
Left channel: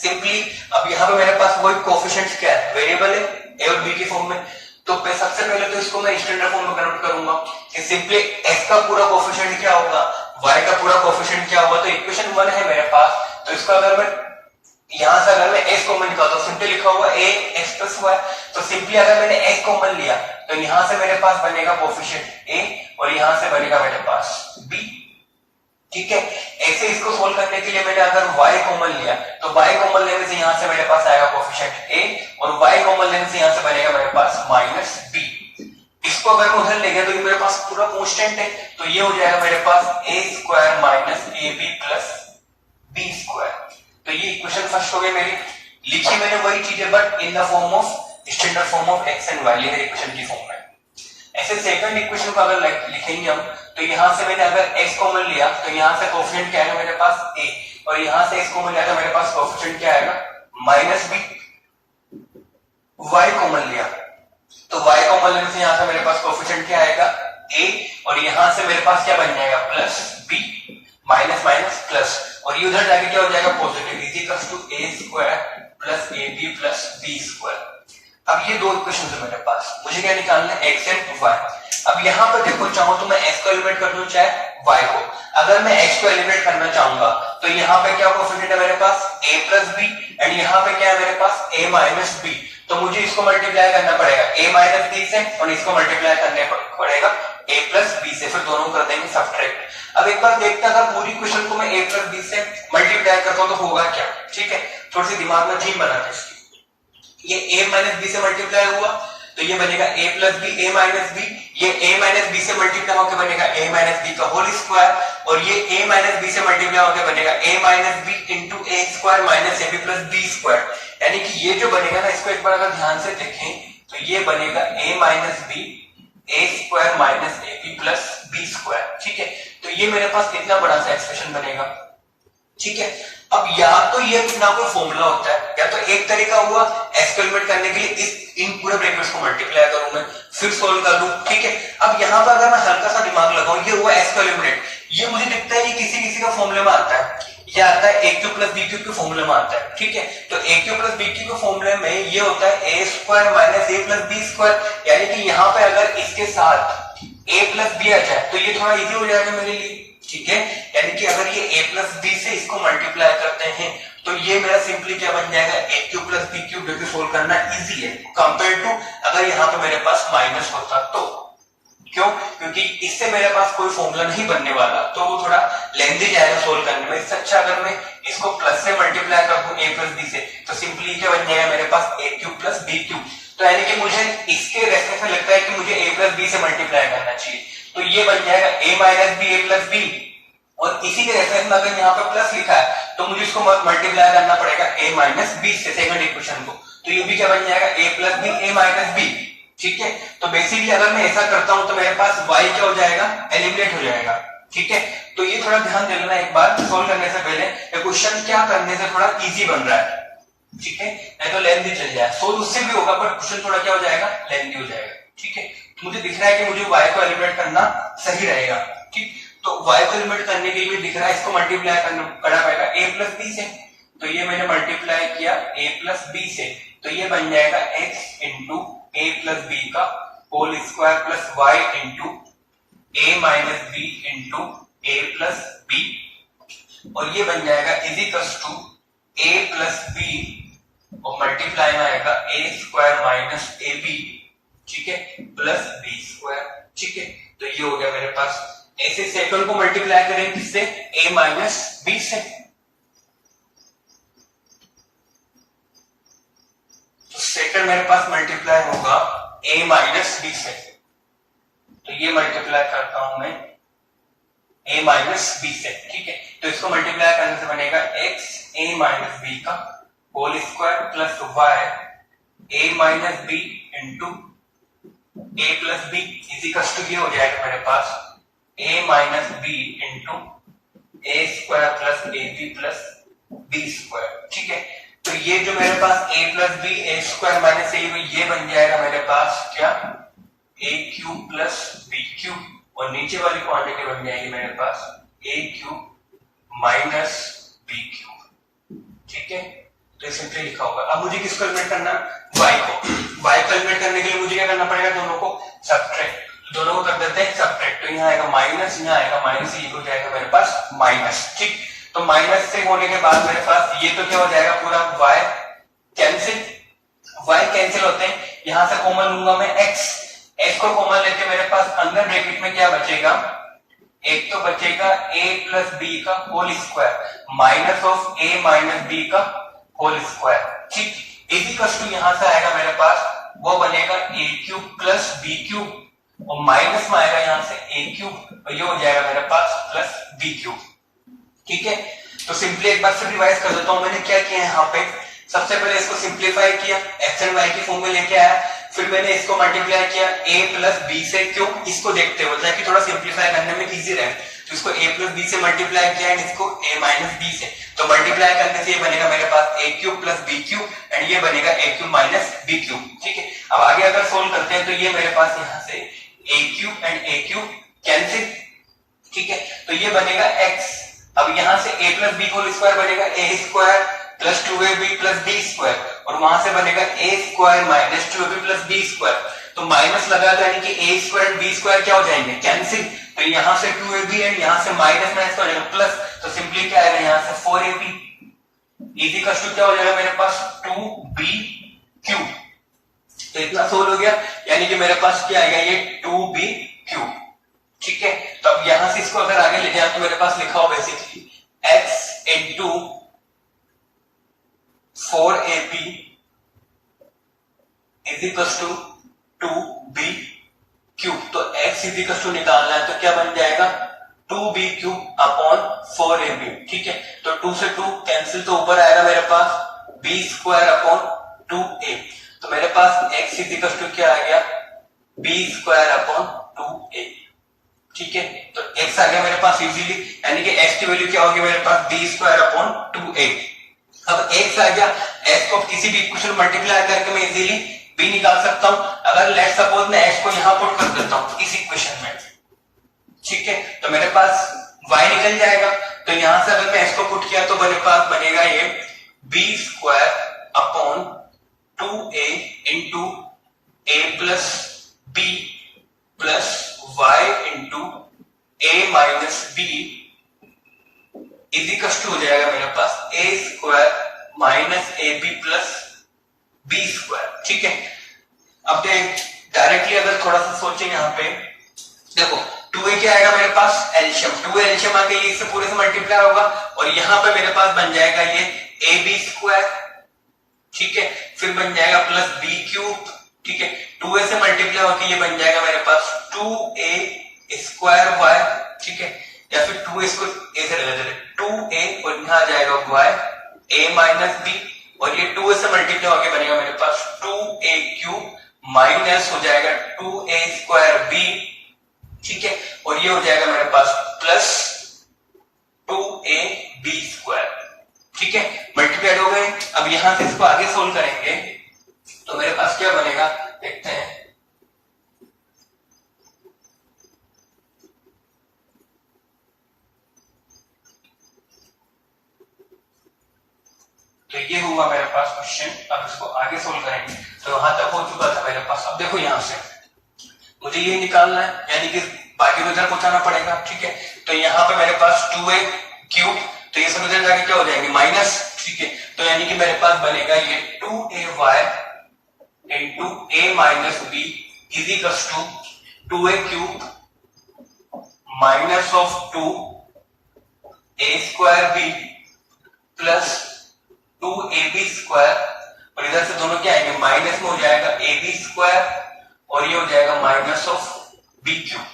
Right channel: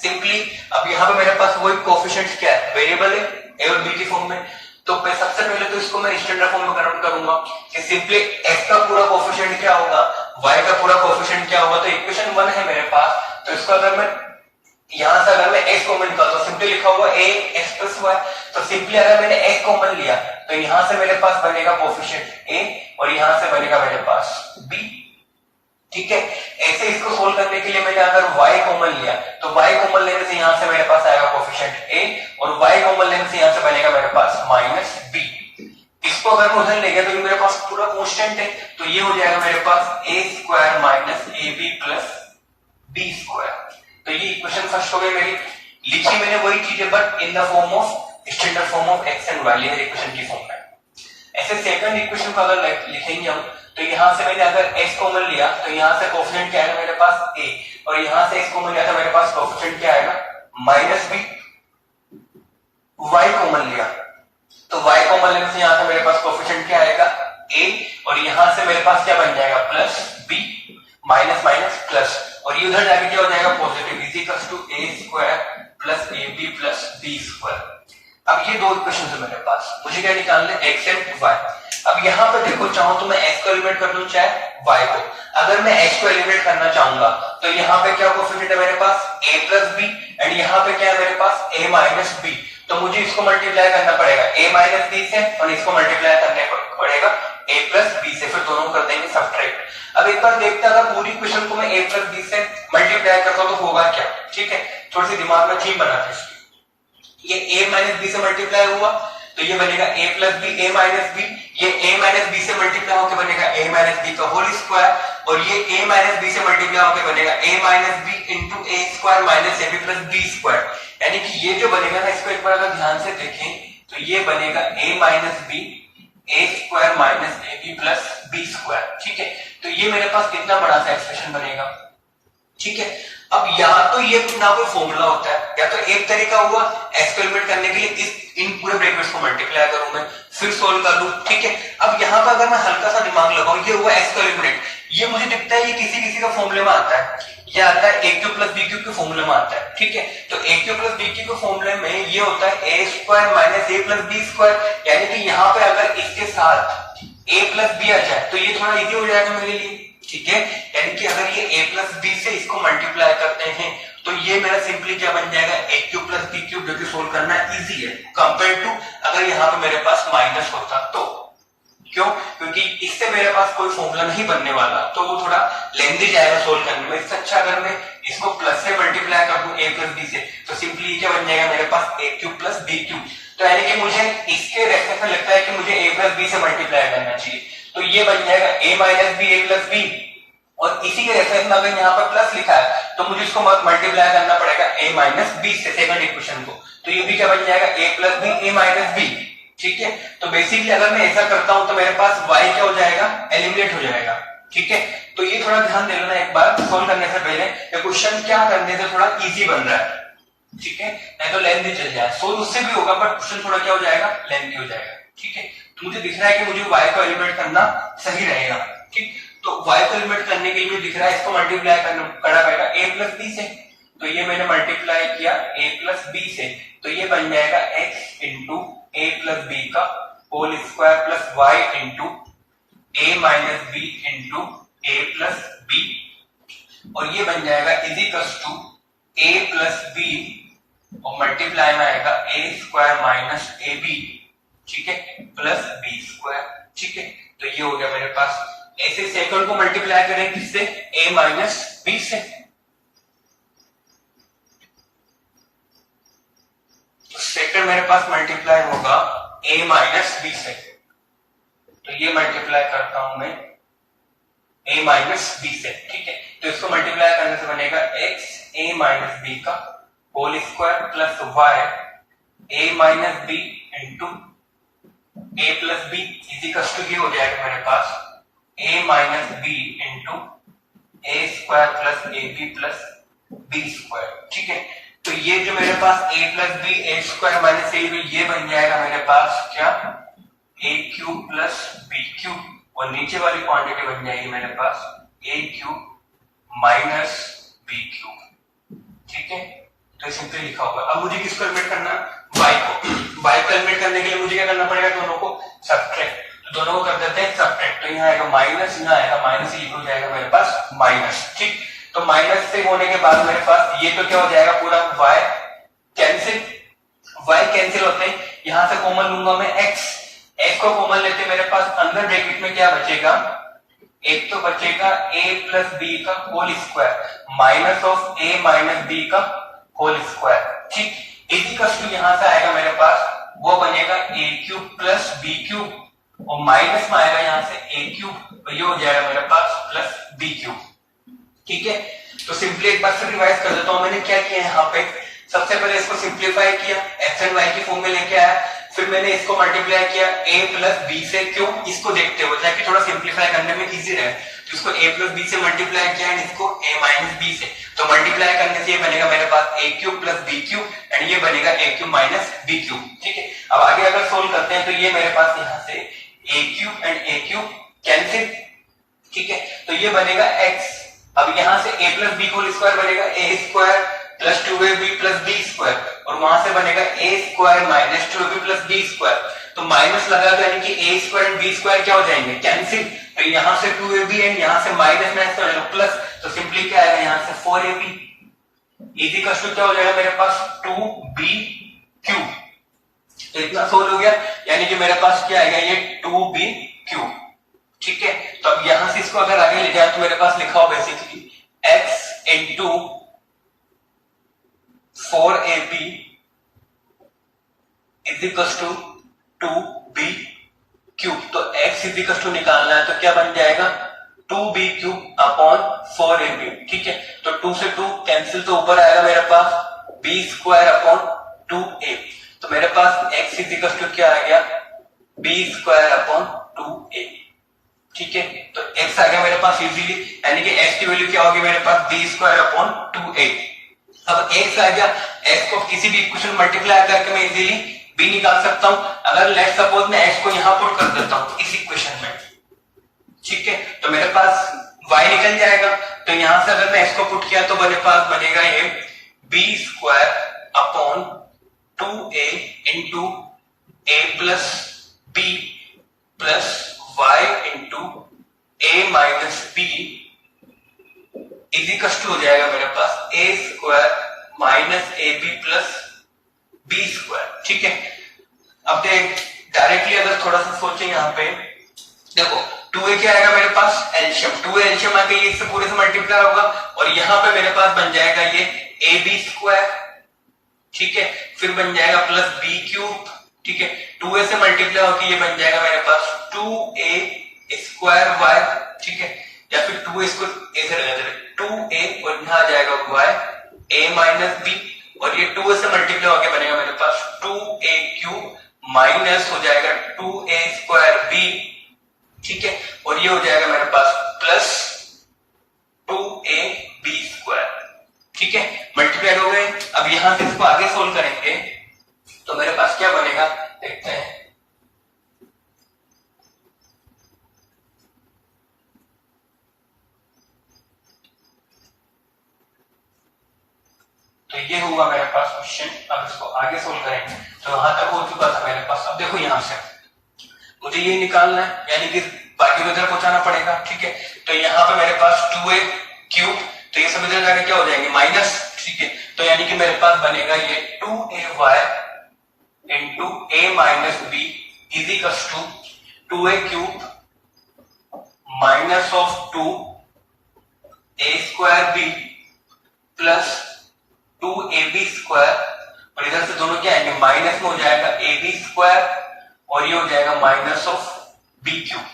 सिंपली, अब यहाँ पे मेरे पास वही कोएफिशिएंट्स क्या है, वेरिएबल है a और b के फॉर्म में। तो सबसे पहले तो इसको मैं स्टैंडर्ड फॉर्म में कन्वर्ट करूंगा कि सिंपली x का पूरा कोएफिशिएंट क्या होगा, y का पूरा कोएफिशिएंट क्या होगा। तो इक्वेशन 1 है मेरे पास, तो इसको अगर मैं यहां से अगर मैं x कॉमन निकालता हूं, सिंपली लिखा हुआ a x प्लस y। तो सिंपली अगर मैंने x कॉमन लिया तो यहां से मेरे पास बनेगा कोएफिशिएंट a और यहां से बनेगा मेरे पास b, ठीक है। ऐसे इसको सोल्व करने के लिए मैंने अगर y कॉमन लिया तो y कॉमन लेने से यहां से मेरे पास आएगा कोफिशिएंट a और y कॉमन लेने से यहां से बनेगा मेरे पास माइनस b। इसको अगर मैं उधर ले गया तो ये मेरे पास पूरा कांस्टेंट है, तो ये हो जाएगा मेरे पास a square minus ab plus b square. तो ये इक्वेशन फर्स्ट हो गई मेरी। लिखी मैंने वही चीज है but in the form of standard form of x and y, मेरी इक्वेशन की फॉर्म में। ऐसे सेकंड इक्वेशन को अगर लिखेंगे हम तो यहां से मैंने अगर x कॉमन लिया तो यहां से कोफिशिएंट क्या आएगा मेरे पास a और यहां से x कॉमन लिया तो मेरे पास कोफिशिएंट क्या आएगा माइनस b। y कॉमन लिया तो y कॉमन लेने से यहां से मेरे पास कोफिशिएंट क्या आएगा a और यहां से मेरे पास क्या बन जाएगा plus b, minus minus plus, और ये उधर जाके क्या हो जाएगा positive, is equals to a square plus ab plus b square. अब ये दो इक्वेशन है मेरे पास, मुझे क्या निकालना है x एंड y। अब यहाँ पर देखो चाहो तो मैं x को एलिमिनेट कर दूं चाहे y को। अगर मैं x को एलिमिनेट करना चाहूंगा तो यहाँ पे क्या कोफिशिएंट है मेरे पास a प्लस b एंड यहाँ पे क्या है मेरे पास a माइनस b। तो मुझे इसको मल्टीप्लाई करना पड़ेगा a माइनस b से और इसको मल्टीप्लाई करने पड़ेगा a प्लस b से, फिर दोनों कर देंगे सब्ट्रैक्ट। अब एक बार देखते हैं अगर पूरी इक्वेशन को मैं a प्लस b से मल्टीप्लाई करता हूं तो होगा क्या। ठीक है, थोड़ी सी दिमाग में थीम बनाते हैं इसकी। ये a माइनस b से मल्टीप्लाई हुआ तो ये बनेगा a plus b a minus b, ये a माइनस b से मल्टीप्लाई होकर बनेगा a माइनस b का होल स्क्वायर और ये a माइनस b से मल्टीप्लाई होकर बनेगा a minus b into a square minus ab plus b square. यानी कि ये जो बनेगा ना इसको एक बार अगर ध्यान से देखें तो ये बनेगा a minus b a square minus ab plus b square. ठीक है, तो ये मेरे पास कितना बड़ा सा एक्सप्रेशन बनेगा। ठीक है, अब या तो ये ना कोई फॉर्मूला होता है या तो एक तरीका हुआ एक्सपेरिमेंट करने के लिए इस इन पूरे ब्रैकेट्स को मल्टीप्लाई करूं मैं फिर सोल्व कर लूं। ठीक है, अब यहाँ पे अगर मैं हल्का सा दिमाग लगाऊं ये हुआ एक्स का एलिमिनेट, ये मुझे दिखता है ये किसी किसी का फॉर्मूले में आता है, ये आता है ए क्यू प्लस बी क्यू के फॉर्मूले में आता है। ठीक है, तो ए क्यू प्लस बी क्यू के फॉर्मूले में ये होता है ए स्क्वायर माइनस ए प्लस बी स्क्वायर। यानी कि यहाँ पे अगर इसके साथ ए प्लस बी आ जाए तो ये थोड़ा इजी हो जाएगा मेरे लिए। ठीक है, यानी कि अगर ये a प्लस बी से इसको मल्टीप्लाई करते हैं तो ये मेरा सिंपली क्या बन जाएगा a cube plus b cube, जो कि सोल्व करना इजी है कंपेयर टू अगर यहाँ पे मेरे पास माइनस होता तो। क्यों? क्योंकि इससे मेरे पास कोई फॉर्मूला नहीं बनने वाला तो वो थोड़ा लेंदी जाएगा सोल्व करने में। इससे अच्छा अगर मैं इसको प्लस से मल्टीप्लाई कर दूं a प्लस बी से तो सिंपली क्या बन जाएगा मेरे पास a cube plus b cube. तो यानी कि मुझे इसके रेफरेंस में लगता है कि मुझे a प्लस बी से मल्टीप्लाई करना चाहिए, तो ये बन जाएगा a minus b a plus b, और इसी के रेफरेंस में अगर यहाँ पर प्लस लिखा है तो मुझे इसको मल्टीप्लाई करना पड़ेगा a माइनस बी से सेकंड इक्वेशन को, तो ये भी क्या बन जाएगा a plus b a minus b. ठीक है, तो बेसिकली अगर मैं ऐसा करता हूं तो मेरे पास y क्या हो जाएगा एलिमिनेट हो जाएगा। ठीक है, तो ये थोड़ा ध्यान दे लेना एक बार सोल्व करने से पहले, ये क्वेश्चन क्या करने से थोड़ा इजी बन रहा है। ठीक है, नहीं तो लेंथी चल जाए, सोल्व उससे भी होगा बट क्वेश्चन थोड़ा क्या हो जाएगा लेंथी हो जाएगा। ठीक है, तो मुझे दिख रहा है कि मुझे y को एलिमिनेट करना सही रहेगा। ठीक, तो y को एलिमिनेट करने के लिए दिख रहा है इसको मल्टीप्लाई करना पड़ेगा a प्लस b से, तो ये मैंने मल्टीप्लाई किया a प्लस b से, तो ये बन जाएगा x into a plus b का whole square plus y into a minus b into a plus b, और ये बन जाएगा is equals to a plus b और मल्टीप्लाई में आएगा a स्क्वायर माइनस ab, ठीक है, प्लस b स्क्वायर। ठीक है, तो ये हो गया मेरे पास। ऐसे सेकंड को मल्टीप्लाई करेंगे किससे a माइनस b से, तो सेकंड मेरे पास मल्टीप्लाई होगा a माइनस b से, तो ये मल्टीप्लाई करता हूं मैं a माइनस b से। ठीक है, तो इसको मल्टीप्लाई करने से बनेगा x a माइनस b का whole square plus y a minus b into a plus b इसी कष्ट की हो जाएगा मेरे पास a minus b into a square plus ab plus b square. ठीक है, तो ये जो मेरे पास a plus b a square minus ab ये बन जाएगा मेरे पास क्या a cube plus b cube, और नीचे वाली क्वांटिटी बन जाएगी मेरे पास a cube minus b cube. ठीक है, तो सिंपली लिखा होगा। अब मुझे किसको एलिमिनेट करना है y को, y को एलिमिनेट करने के लिए मुझे क्या करना पड़ेगा दोनों को सब्ट्रैक्ट, दोनों को कर देते हैं सब्ट्रैक्ट, तो यहाँ आएगा माइनस, यहाँ आएगा माइनस, ये हो जाएगा मेरे पास माइनस। ठीक, तो माइनस से होने के बाद मेरे पास ये तो क्या हो जाएगा पूरा y कैंसिल, y कैंसिल होते हैं, यहां से कॉमन लूंगा मैं x को कॉमन लेते मेरे पास अंदर ब्रैकेट में क्या बचेगा एक तो बचेगा a प्लस बी का whole square minus of a minus b का होल स्क्वायर, ठीक। इसी कष्ट यहां से आएगा मेरे पास, वो बनेगा a cube plus b cube और माइनस में आएगा यहां से a क्यूब और ये हो जाएगा मेरे पास प्लस बी क्यूब, ठीक है। तो सिंपली एक बार से रिवाइज कर देता हूं मैंने क्या किया है यहाँ पे। सबसे पहले इसको सिंप्लीफाई किया, एक्स एंड वाई की फॉर्म में लेके आया, फिर मैंने इसको मल्टीप्लाई किया a प्लस बी से, क्यों, इसको देखते हुए ताकि थोड़ा सिंप्लीफाई करने में इजी रहे, तो इसको a प्लस बी से मल्टीप्लाई किया एंड इसको a माइनस बी से, तो मल्टीप्लाई करने से ये बनेगा मेरे पास a cube plus b cube and ये बनेगा a cube minus b cube, ठीक है। अब आगे अगर सोल्व करते हैं तो ये मेरे पास यहाँ से a cube and a cube cancel, ठीक है, तो ये बनेगा x। अब यहाँ से a plus b whole square बनेगा a square plus 2ab plus b square और वहां से बनेगा a square minus 2ab plus b square, तो माइनस लगा तो यानी कि a स्क्वायर b स्क्वायर क्या हो जाएंगे, कैंसिल, तो यहाँ से 2ab एंड यहाँ से माइनस माइनस हो जाएगा प्लस, तो सिंपली क्या आएगा यहाँ से 4ab इजी कष्ट क्या हो जाएगा मेरे पास 2b क्यूब, तो इतना सोल्व हो गया, यानी कि मेरे पास क्या आएगा ये 2b क्यूब, ठीक है। तो अब यहां से इसको अगर आगे ले जाए तो मेरे पास लिखा हो basically x into 4ab is equal to 2b cube, तो x इज इक्वल टू निकालना है तो क्या बन जाएगा 2b क्यूब अपॉन 4ab, ठीक है। तो 2 से 2 कैंसिल, तो ऊपर आएगा मेरे पास b स्क्वायर अपॉन 2a, तो मेरे पास x इज इक्वल टू क्या आ गया b स्क्वायर अपॉन 2a, ठीक है। तो x आ गया मेरे पास इजीली, यानी कि x की वैल्यू क्या होगी मेरे पास b स्क्वायर अपॉन 2a। अब x आ गया, x को किसी भी इक्वेशन मल्टीप्लाई करके मैं इजीली b निकाल सकता हूं। अगर लेट सपोज मैं x को यहां पुट कर देता हूं इस इक्वेशन में, ठीक है, तो मेरे पास y निकल जाएगा, तो यहां से अगर मैं x को पुट किया तो मेरे पास बनेगा ये b square upon 2a into a plus b plus y into a minus b इजिकल हो जाएगा मेरे पास a square minus a b plus b square, ठीक है। अब देख डायरेक्टली अगर थोड़ा सा सोचें यहाँ पे, देखो 2a क्या आएगा मेरे पास एलशियम, 2a एलशियम आके ये इससे पूरे से मल्टीप्लाई होगा और यहाँ पे मेरे पास बन जाएगा ये ए बी स्क्वायर, ठीक है, फिर बन जाएगा प्लस बी क्यूब, ठीक है, 2a से मल्टीप्लाई होकर ये बन जाएगा मेरे पास 2a स्क्वायर y, ठीक है, या फिर 2a इसको a से लगा दे 2a और यहाँ आ जाएगा y a माइनस b और ये 2a से मल्टीप्लाई होकर बनेगा मेरे पास 2a क्यूब माइनस हो जाएगा 2a स्क्वायर b, ठीक है, और ये हो जाएगा मेरे पास प्लस 2a b स्क्वायर, ठीक है, मल्टीप्लाई हो गए। अब यहां से इसको आगे सोल्व करेंगे तो मेरे पास क्या बनेगा देखते हैं। तो ये हुआ मेरे पास क्वेश्चन। अब इसको आगे सोल्व करेंगे, तो यहां तक हो चुका था मेरे पास। अब देखो यहां से मुझे ये निकालना है, यानी कि बाकी तो इधर पहुंचाना पड़ेगा, ठीक है। तो यहाँ पे मेरे पास 2a क्यूब, तो ये सब इधर जाके क्या हो जाएंगे माइनस, ठीक है, तो यानी कि मेरे पास बनेगा ये 2ay into a minus b is equal to 2a cube minus of 2a square b plus 2ab square, और इधर से दोनों क्या आएंगे माइनस में हो जाएगा ab स्क्वायर और ये हो जाएगा माइनस ऑफ बी क्यूब,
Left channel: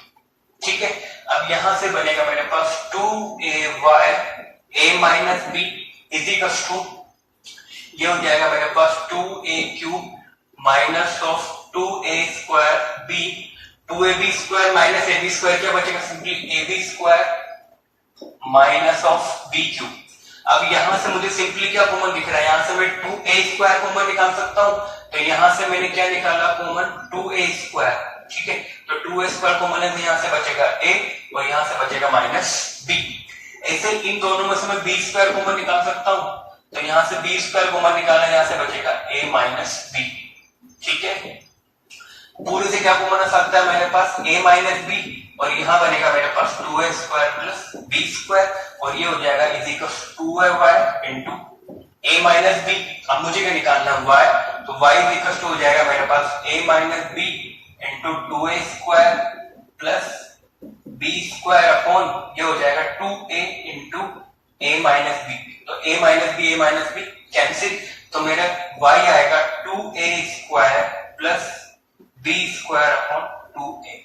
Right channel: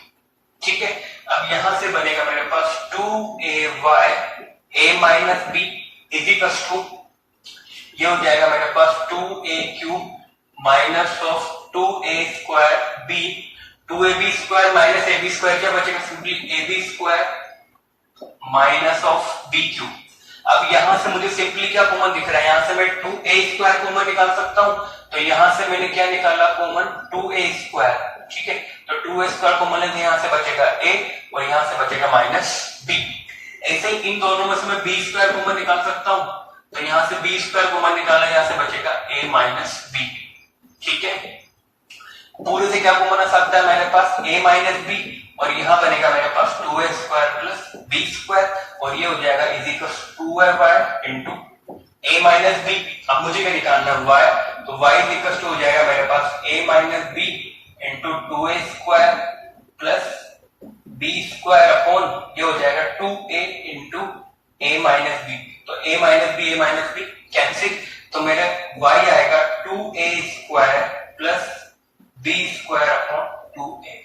ठीक है। अब यहां से बनेगा मेरे पास 2ay a minus b is equal to ये हो जाएगा मेरे पास 2a cube minus of 2a square b, 2ab square minus ab square क्या बचेगा simply ab square minus of b cube. अब यहां से मुझे सिंपली क्या कॉमन दिख रहा है, यहां से मैं 2a स्क्वायर कॉमन निकाल सकता हूं, तो यहां से मैंने क्या निकाला कॉमन 2a स्क्वायर, ठीक है, तो 2a स्क्वायर कॉमन है, यहां से बचेगा a और यहां से बचेगा माइनस b। ऐसे इन दोनों में से मैं b स्क्वायर कॉमन निकाल सकता हूं, तो यहां से b स्क्वायर कॉमन निकालना, यहां से बचेगा a माइनस b, ठीक है। पूरे से क्या कॉमन आ सकता है मेरे पास a माइनस b और यहां बनेगा मेरे पास 2a square plus b square और ये हो जाएगा is equal to 2ay into a minus b। अब मुझे क्या निकालना है y, तो y इज इक्वल टू हो जाएगा मेरे पास a minus b into 2a square plus b square upon ये हो जाएगा 2a into a minus b. तो a माइनस बी कैंसिल, तो मेरा y आएगा 2a square plus b square upon 2a।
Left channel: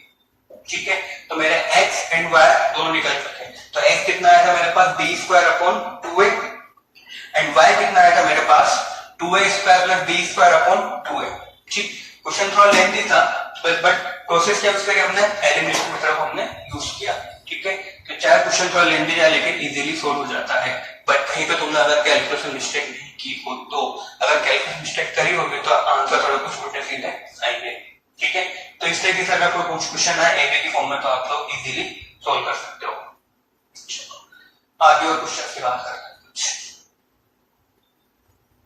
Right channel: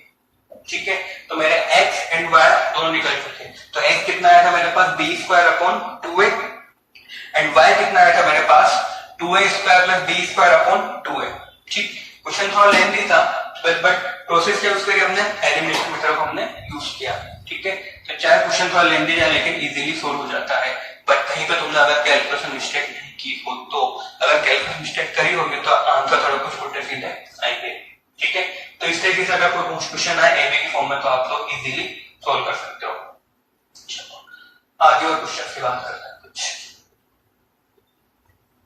ठीक है, तो मेरे x एंड y दोनों निकल चुके हैं। तो x कितना आया था मेरे पास b square upon 2a and y कितना आया था मेरे पास 2a square plus b square upon 2a। ठीक, क्वेश्चन थोड़ा लेंथी था बट प्रोसेस क्या उसके हमने एलिमिनेशन मेथड को हमने यूज किया। ठीक है, तो चाहे क्वेश्चन थोड़ा लेंथी जाए लेकिन इजीली सोल्व हो जाता है। बट कहीं पे तुमने अगर कैलकुलेशन मिस्टेक नहीं की हो, तो अगर कैलकुलेशन मिस्टेक करी होगी तो आंसर थोड़ा कुछ उल्टे सीधे आएंगे। ठीक है, तो इस तरीके से अगर कोई क्वेश्चन आए एबी की फॉर्म में तो आप लोग इजीली सोल्व कर सकते हो। चलो आगे और क्वेश्चन की बात करते हैं।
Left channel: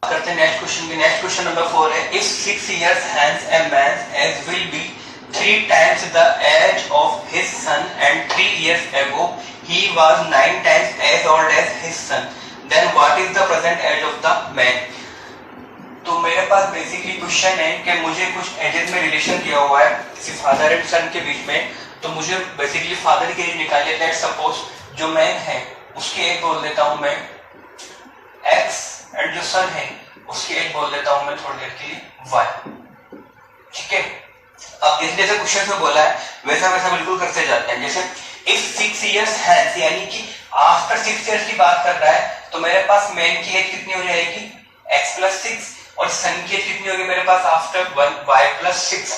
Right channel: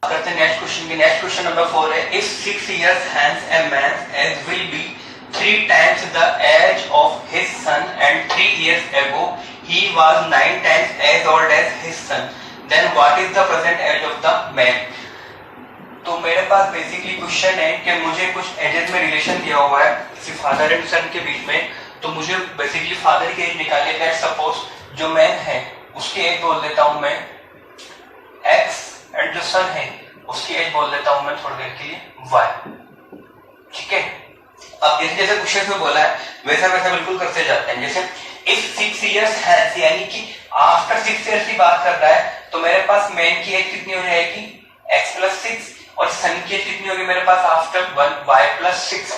करते हैं नेक्स्ट क्वेश्चन की। नेक्स्ट क्वेश्चन नंबर 4 है, if 6 years hence a man's age will be 3 times the age of his son and 3 years ago he was 9 times as old as his son, then what is the present age of the man? तो मेरे पास basically question है कि मुझे कुछ edges में relation दिया हुआ है किसी फादर एंड सन के बीच में, तो मुझे बेसिकली फादर की एज निकालने का, सपोज जो मैन है उसकी एज बोल देता हूं मैं x एंड जो सन है उसकी एज बोल देता हूं मैं थोड़ी देर के लिए y। ठीक है, अब जैसे जैसे क्वेश्चन में बोला है वैसा वैसा बिल्कुल करते जाते हैं। जैसे इफ 6 years हैज, यानी कि आफ्टर 6 years की बात कर रहा है, तो मेरे पास मैन की एज कितनी हो जाएगी x प्लस 6 और सन की एज कितनी होगी मेरे पास after 1 y plus 6।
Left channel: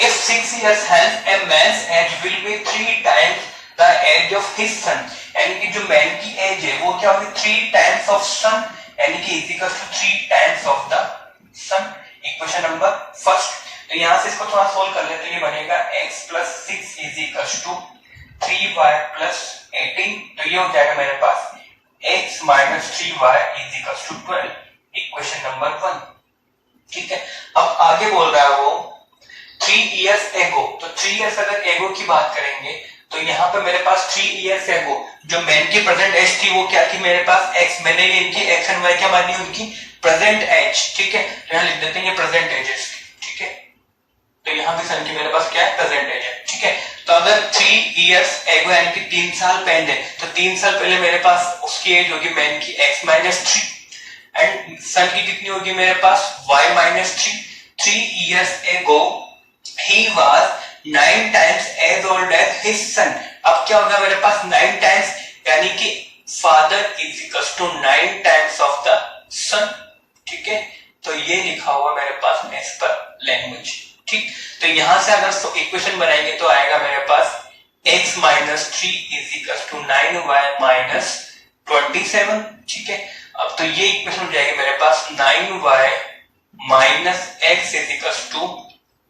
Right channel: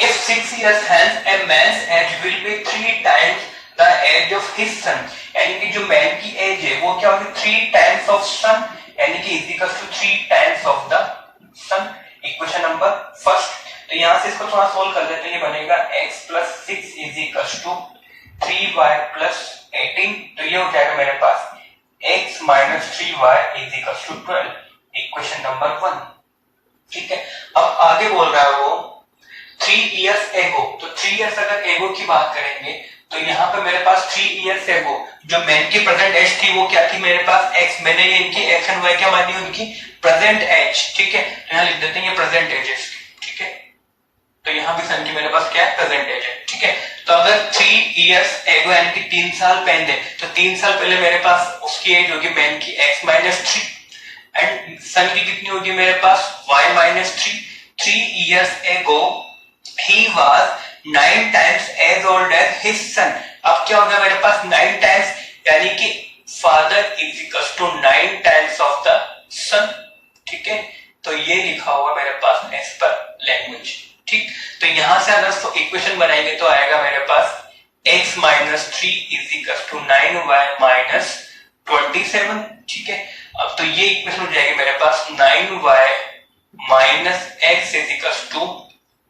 If 6 years hence a man's age will be 3 times the age of his son, यानी कि जो मैन की एज है वो क्या होगी 3 times of son, यानी कि is equal to 3 times of the son। Equation number first, तो यहां से इसको थोड़ा सोल्व कर लेते हैं। ये बनेगा x plus 6 is equal to 3y plus 18, तो ये हो जाएगा मेरे पास x minus 3y is equal to 12। Equation number 1। ठीक है, अब आगे बोल रहा है वो 3 years ago, तो 3 years अगर एगो की बात करेंगे तो यहाँ पे मेरे पास 3 years ago जो मैन की प्रेजेंट एज थी वो क्या थी मेरे पास x, मैंने इनकी x एंड y क्या मानी उनकी प्रेजेंट एज। ठीक है, तो यहाँ लिख देते हैं ये प्रेजेंट एज है। ठीक है, तो यहाँ भी सन की मेरे पास क्या है प्रेजेंट एज है। ठीक है, तो अगर 3 years ago यानी कि 3 साल पहले, तो 3 साल पहले मेरे पास उसकी एज होगी मैन की x माइनस 3 एंड सन की कितनी होगी मेरे पास y minus 3। 3 years ago he was 9 times as old as his son। अब क्या होगा मेरे पास 9 times, यानी कि father is equal to 9 times of the son. ठीक है, तो ये लिखा हुआ मेरे पास एज पर लैंग्वेज। ठीक, तो यहां से अगर इक्वेशन बनाएंगे तो आएगा मेरे पास x minus 3 is equal to 9y minus 27। ठीक है, अब तो ये इक्वेशन हो जाएगी मेरे पास 9y minus x is equal to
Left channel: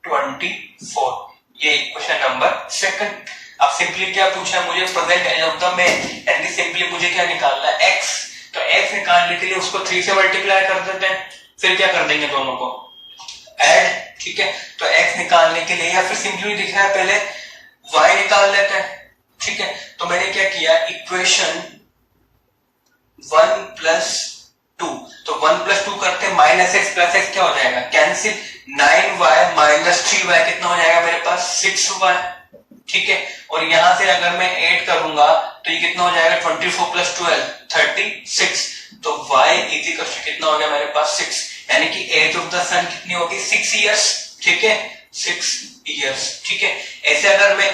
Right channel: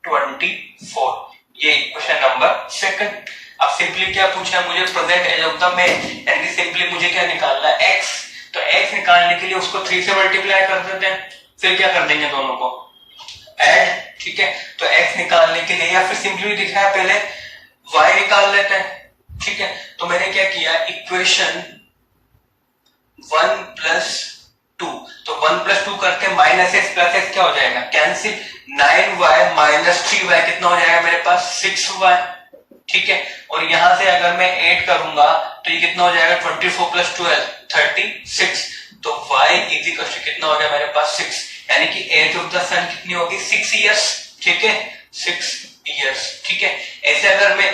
24। ये इक्वेशन नंबर सेकंड। अब सिंपली क्या पूछा है मुझे present age of the man, यानी सिंपली मुझे क्या निकालना है x, तो x निकालने के लिए उसको 3 से मल्टीप्लाई कर देते हैं, फिर क्या कर देंगे दोनों को ऐड। ठीक है, तो x निकालने के लिए या फिर सिंपली दिख रहा है पहले y निकाल लेते हैं। ठीक है, तो मैंने क्या किया इक्वेशन 1 प्लस 2, तो 1 प्लस 2 करके माइनस x प्लस x क्या हो जाएगा कैंसिल, 9y माइनस 3y कितना हो जाएगा मेरे पास 6y। ठीक है, और यहां से अगर मैं ऐड करूंगा तो ये कितना हो जाएगा 24 प्लस 12 36, तो y इज इक्वल टू कितना हो गया मेरे पास 6, यानी कि एज ऑफ द सन कितनी होगी 6 years। ठीक है, 6 years। ठीक है, ऐसे अगर मैं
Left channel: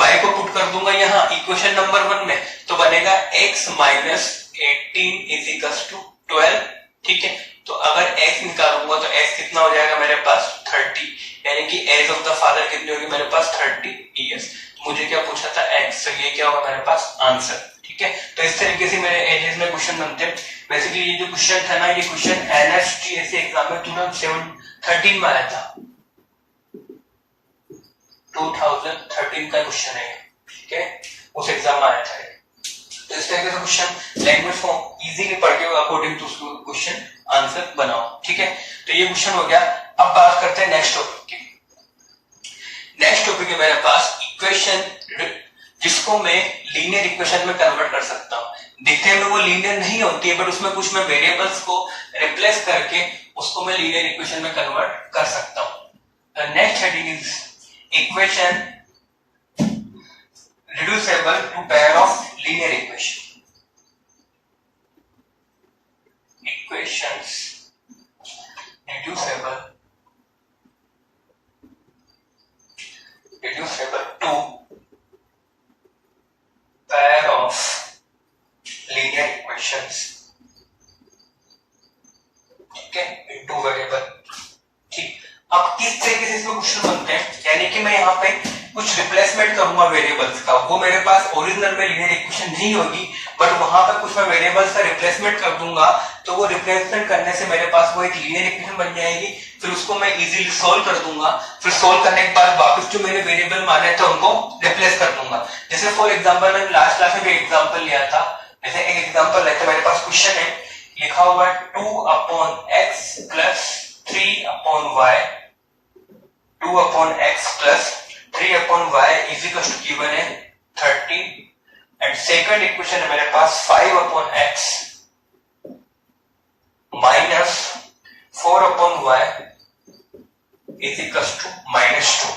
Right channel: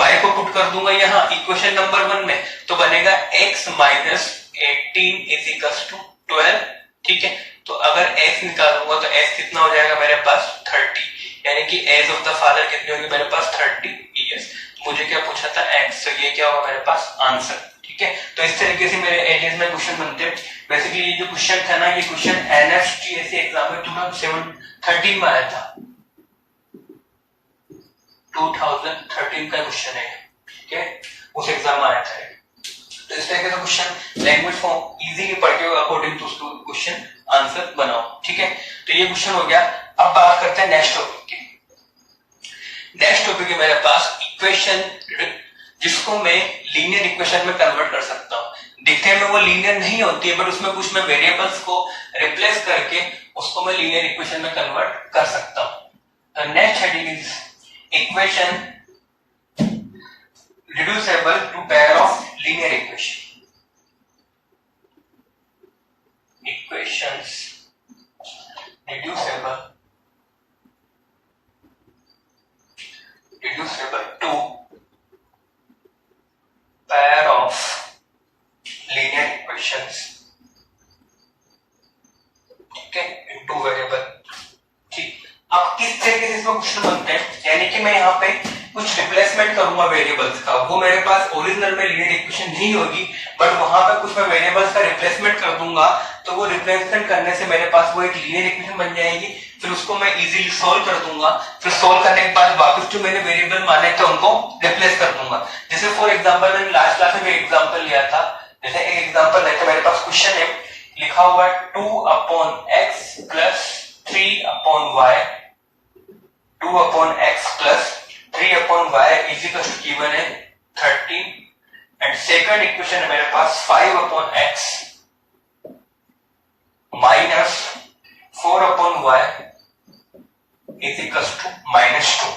y को पुट कर दूंगा यहाँ इक्वेशन नंबर 1 में तो बनेगा x minus 18 is equal to 12। ठीक है, तो अगर x निकालूंगा तो x कितना हो जाएगा मेरे पास 30, यानी कि एज ऑफ द फादर कितनी होगी मेरे पास 30 years। तो मुझे क्या पूछा था x, तो ये क्या होगा मेरे पास आंसर। ठीक है, तो इस तरीके से मेरे एजेस में क्वेश्चन बनते हैं। बेसिकली ये जो क्वेश्चन था ना, ये क्वेश्चन NSTS एग्जाम में 2013 में आया था, 2013 का क्वेश्चन है। ठीक है, उस एग्जाम में आया था। तो इस तरीके से क्वेश्चन लैंग्वेज फॉर्म इजीली पढ़ के अकॉर्डिंग टू उसको क्वेश्चन आंसर बनाओ। ठीक है, तो ये क्वेश्चन हो गया। अब बात करते हैं नेक्स्ट टॉपिक की। नेक्स्ट टॉपिक है मेरे पास इक्वेशन जिसको मैं लीनियर इक्वेशन में कन्वर्ट कर सकता हूं। दिखने में वो लीनियर नहीं होती है बट उसमें कुछ मैं वेरिएबल्स को रिप्लेस करके उसको मैं लीनियर इक्वेशन में कन्वर्ट कर सकता हूं। Next heading is equation reducible to pair of linear equations reducible to pair of linear equations, ठीक है, इनटू वेरिएबल। ठीक, अब किस तरीके से इसमें क्वेश्चन बनते हैं, यानी कि मैं यहाँ पे कुछ रिप्लेसमेंट करूंगा वेरिएबल्स का, वो मेरे पास ओरिजिनल में लीनियर इक्वेशन नहीं होगी, बट वहां पे कुछ मैं वेरिएबल्स का रिप्लेसमेंट कर दूंगा, तो वो रिप्लेसमेंट करने से मेरे पास वो एक लीनियर इक्वेशन बन जाएगी, फिर उसको मैं इजीली सोल्व कर दूंगा, फिर सोल्व करने के बाद वापस जो मैंने वेरिएबल माने थे उनको रिप्लेस कर दूंगा। जैसे फॉर एग्जांपल मैंने लास्ट क्लास में भी एग्जांपल लिया था, जैसे एक एग्जांपल लेते, मेरे पास क्वेश्चन है, लिखा हुआ है 2/x plus 3/y 2/x plus 3/y is equal to given है 30, एंड सेकंड इक्वेशन है मेरे पास 5/x minus 4/y is equal to -2।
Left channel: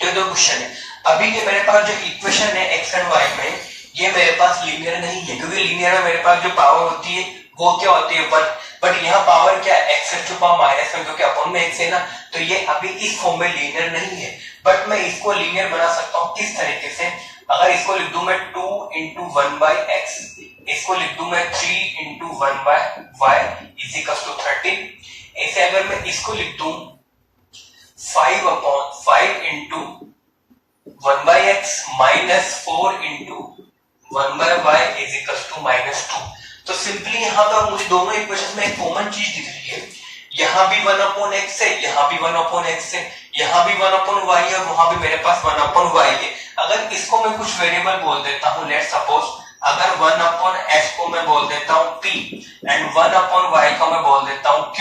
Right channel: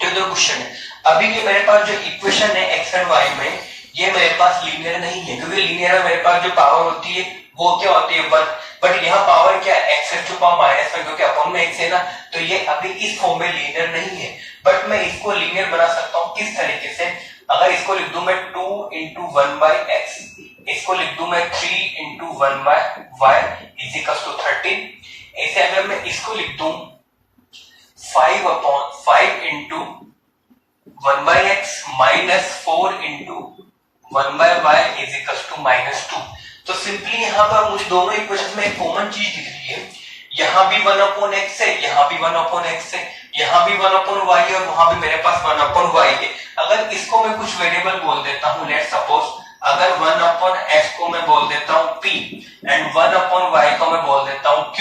तो दो क्वेश्चन है। अभी ये मेरे पास जो इक्वेशन है x एंड y में, ये मेरे पास लीनियर नहीं है, क्योंकि लीनियर में मेरे पास जो पावर होती है वो क्या होती है 1, बट यहाँ पावर क्या है x टू पावर -1, क्योंकि अपॉन में x है ना, तो ये अभी इस फॉर्म में लीनियर नहीं है, बट मैं इसको लीनियर बना सकता हूँ किस तरीके से, अगर इसको लिख दूं मैं 2 into 1/x, इसको लिख दूं मैं 3 into 1/y is equal to 30, ऐसे अगर मैं इसको लिख दूं 5 into 1/x minus 4 into 1/y is equals to -2। तो सिंपली यहाँ पर मुझे दोनों इक्वेशंस में एक कॉमन चीज दिख रही है, यहाँ भी 1/x है, यहाँ भी 1/x है, यहाँ भी 1/y है, वहां भी मेरे पास 1/y है। अगर इसको मैं कुछ वेरिएबल बोल देता हूँ, लेट सपोज अगर 1/x को मैं बोल देता हूँ p एंड 1/y को मैं बोल देता हूँ q,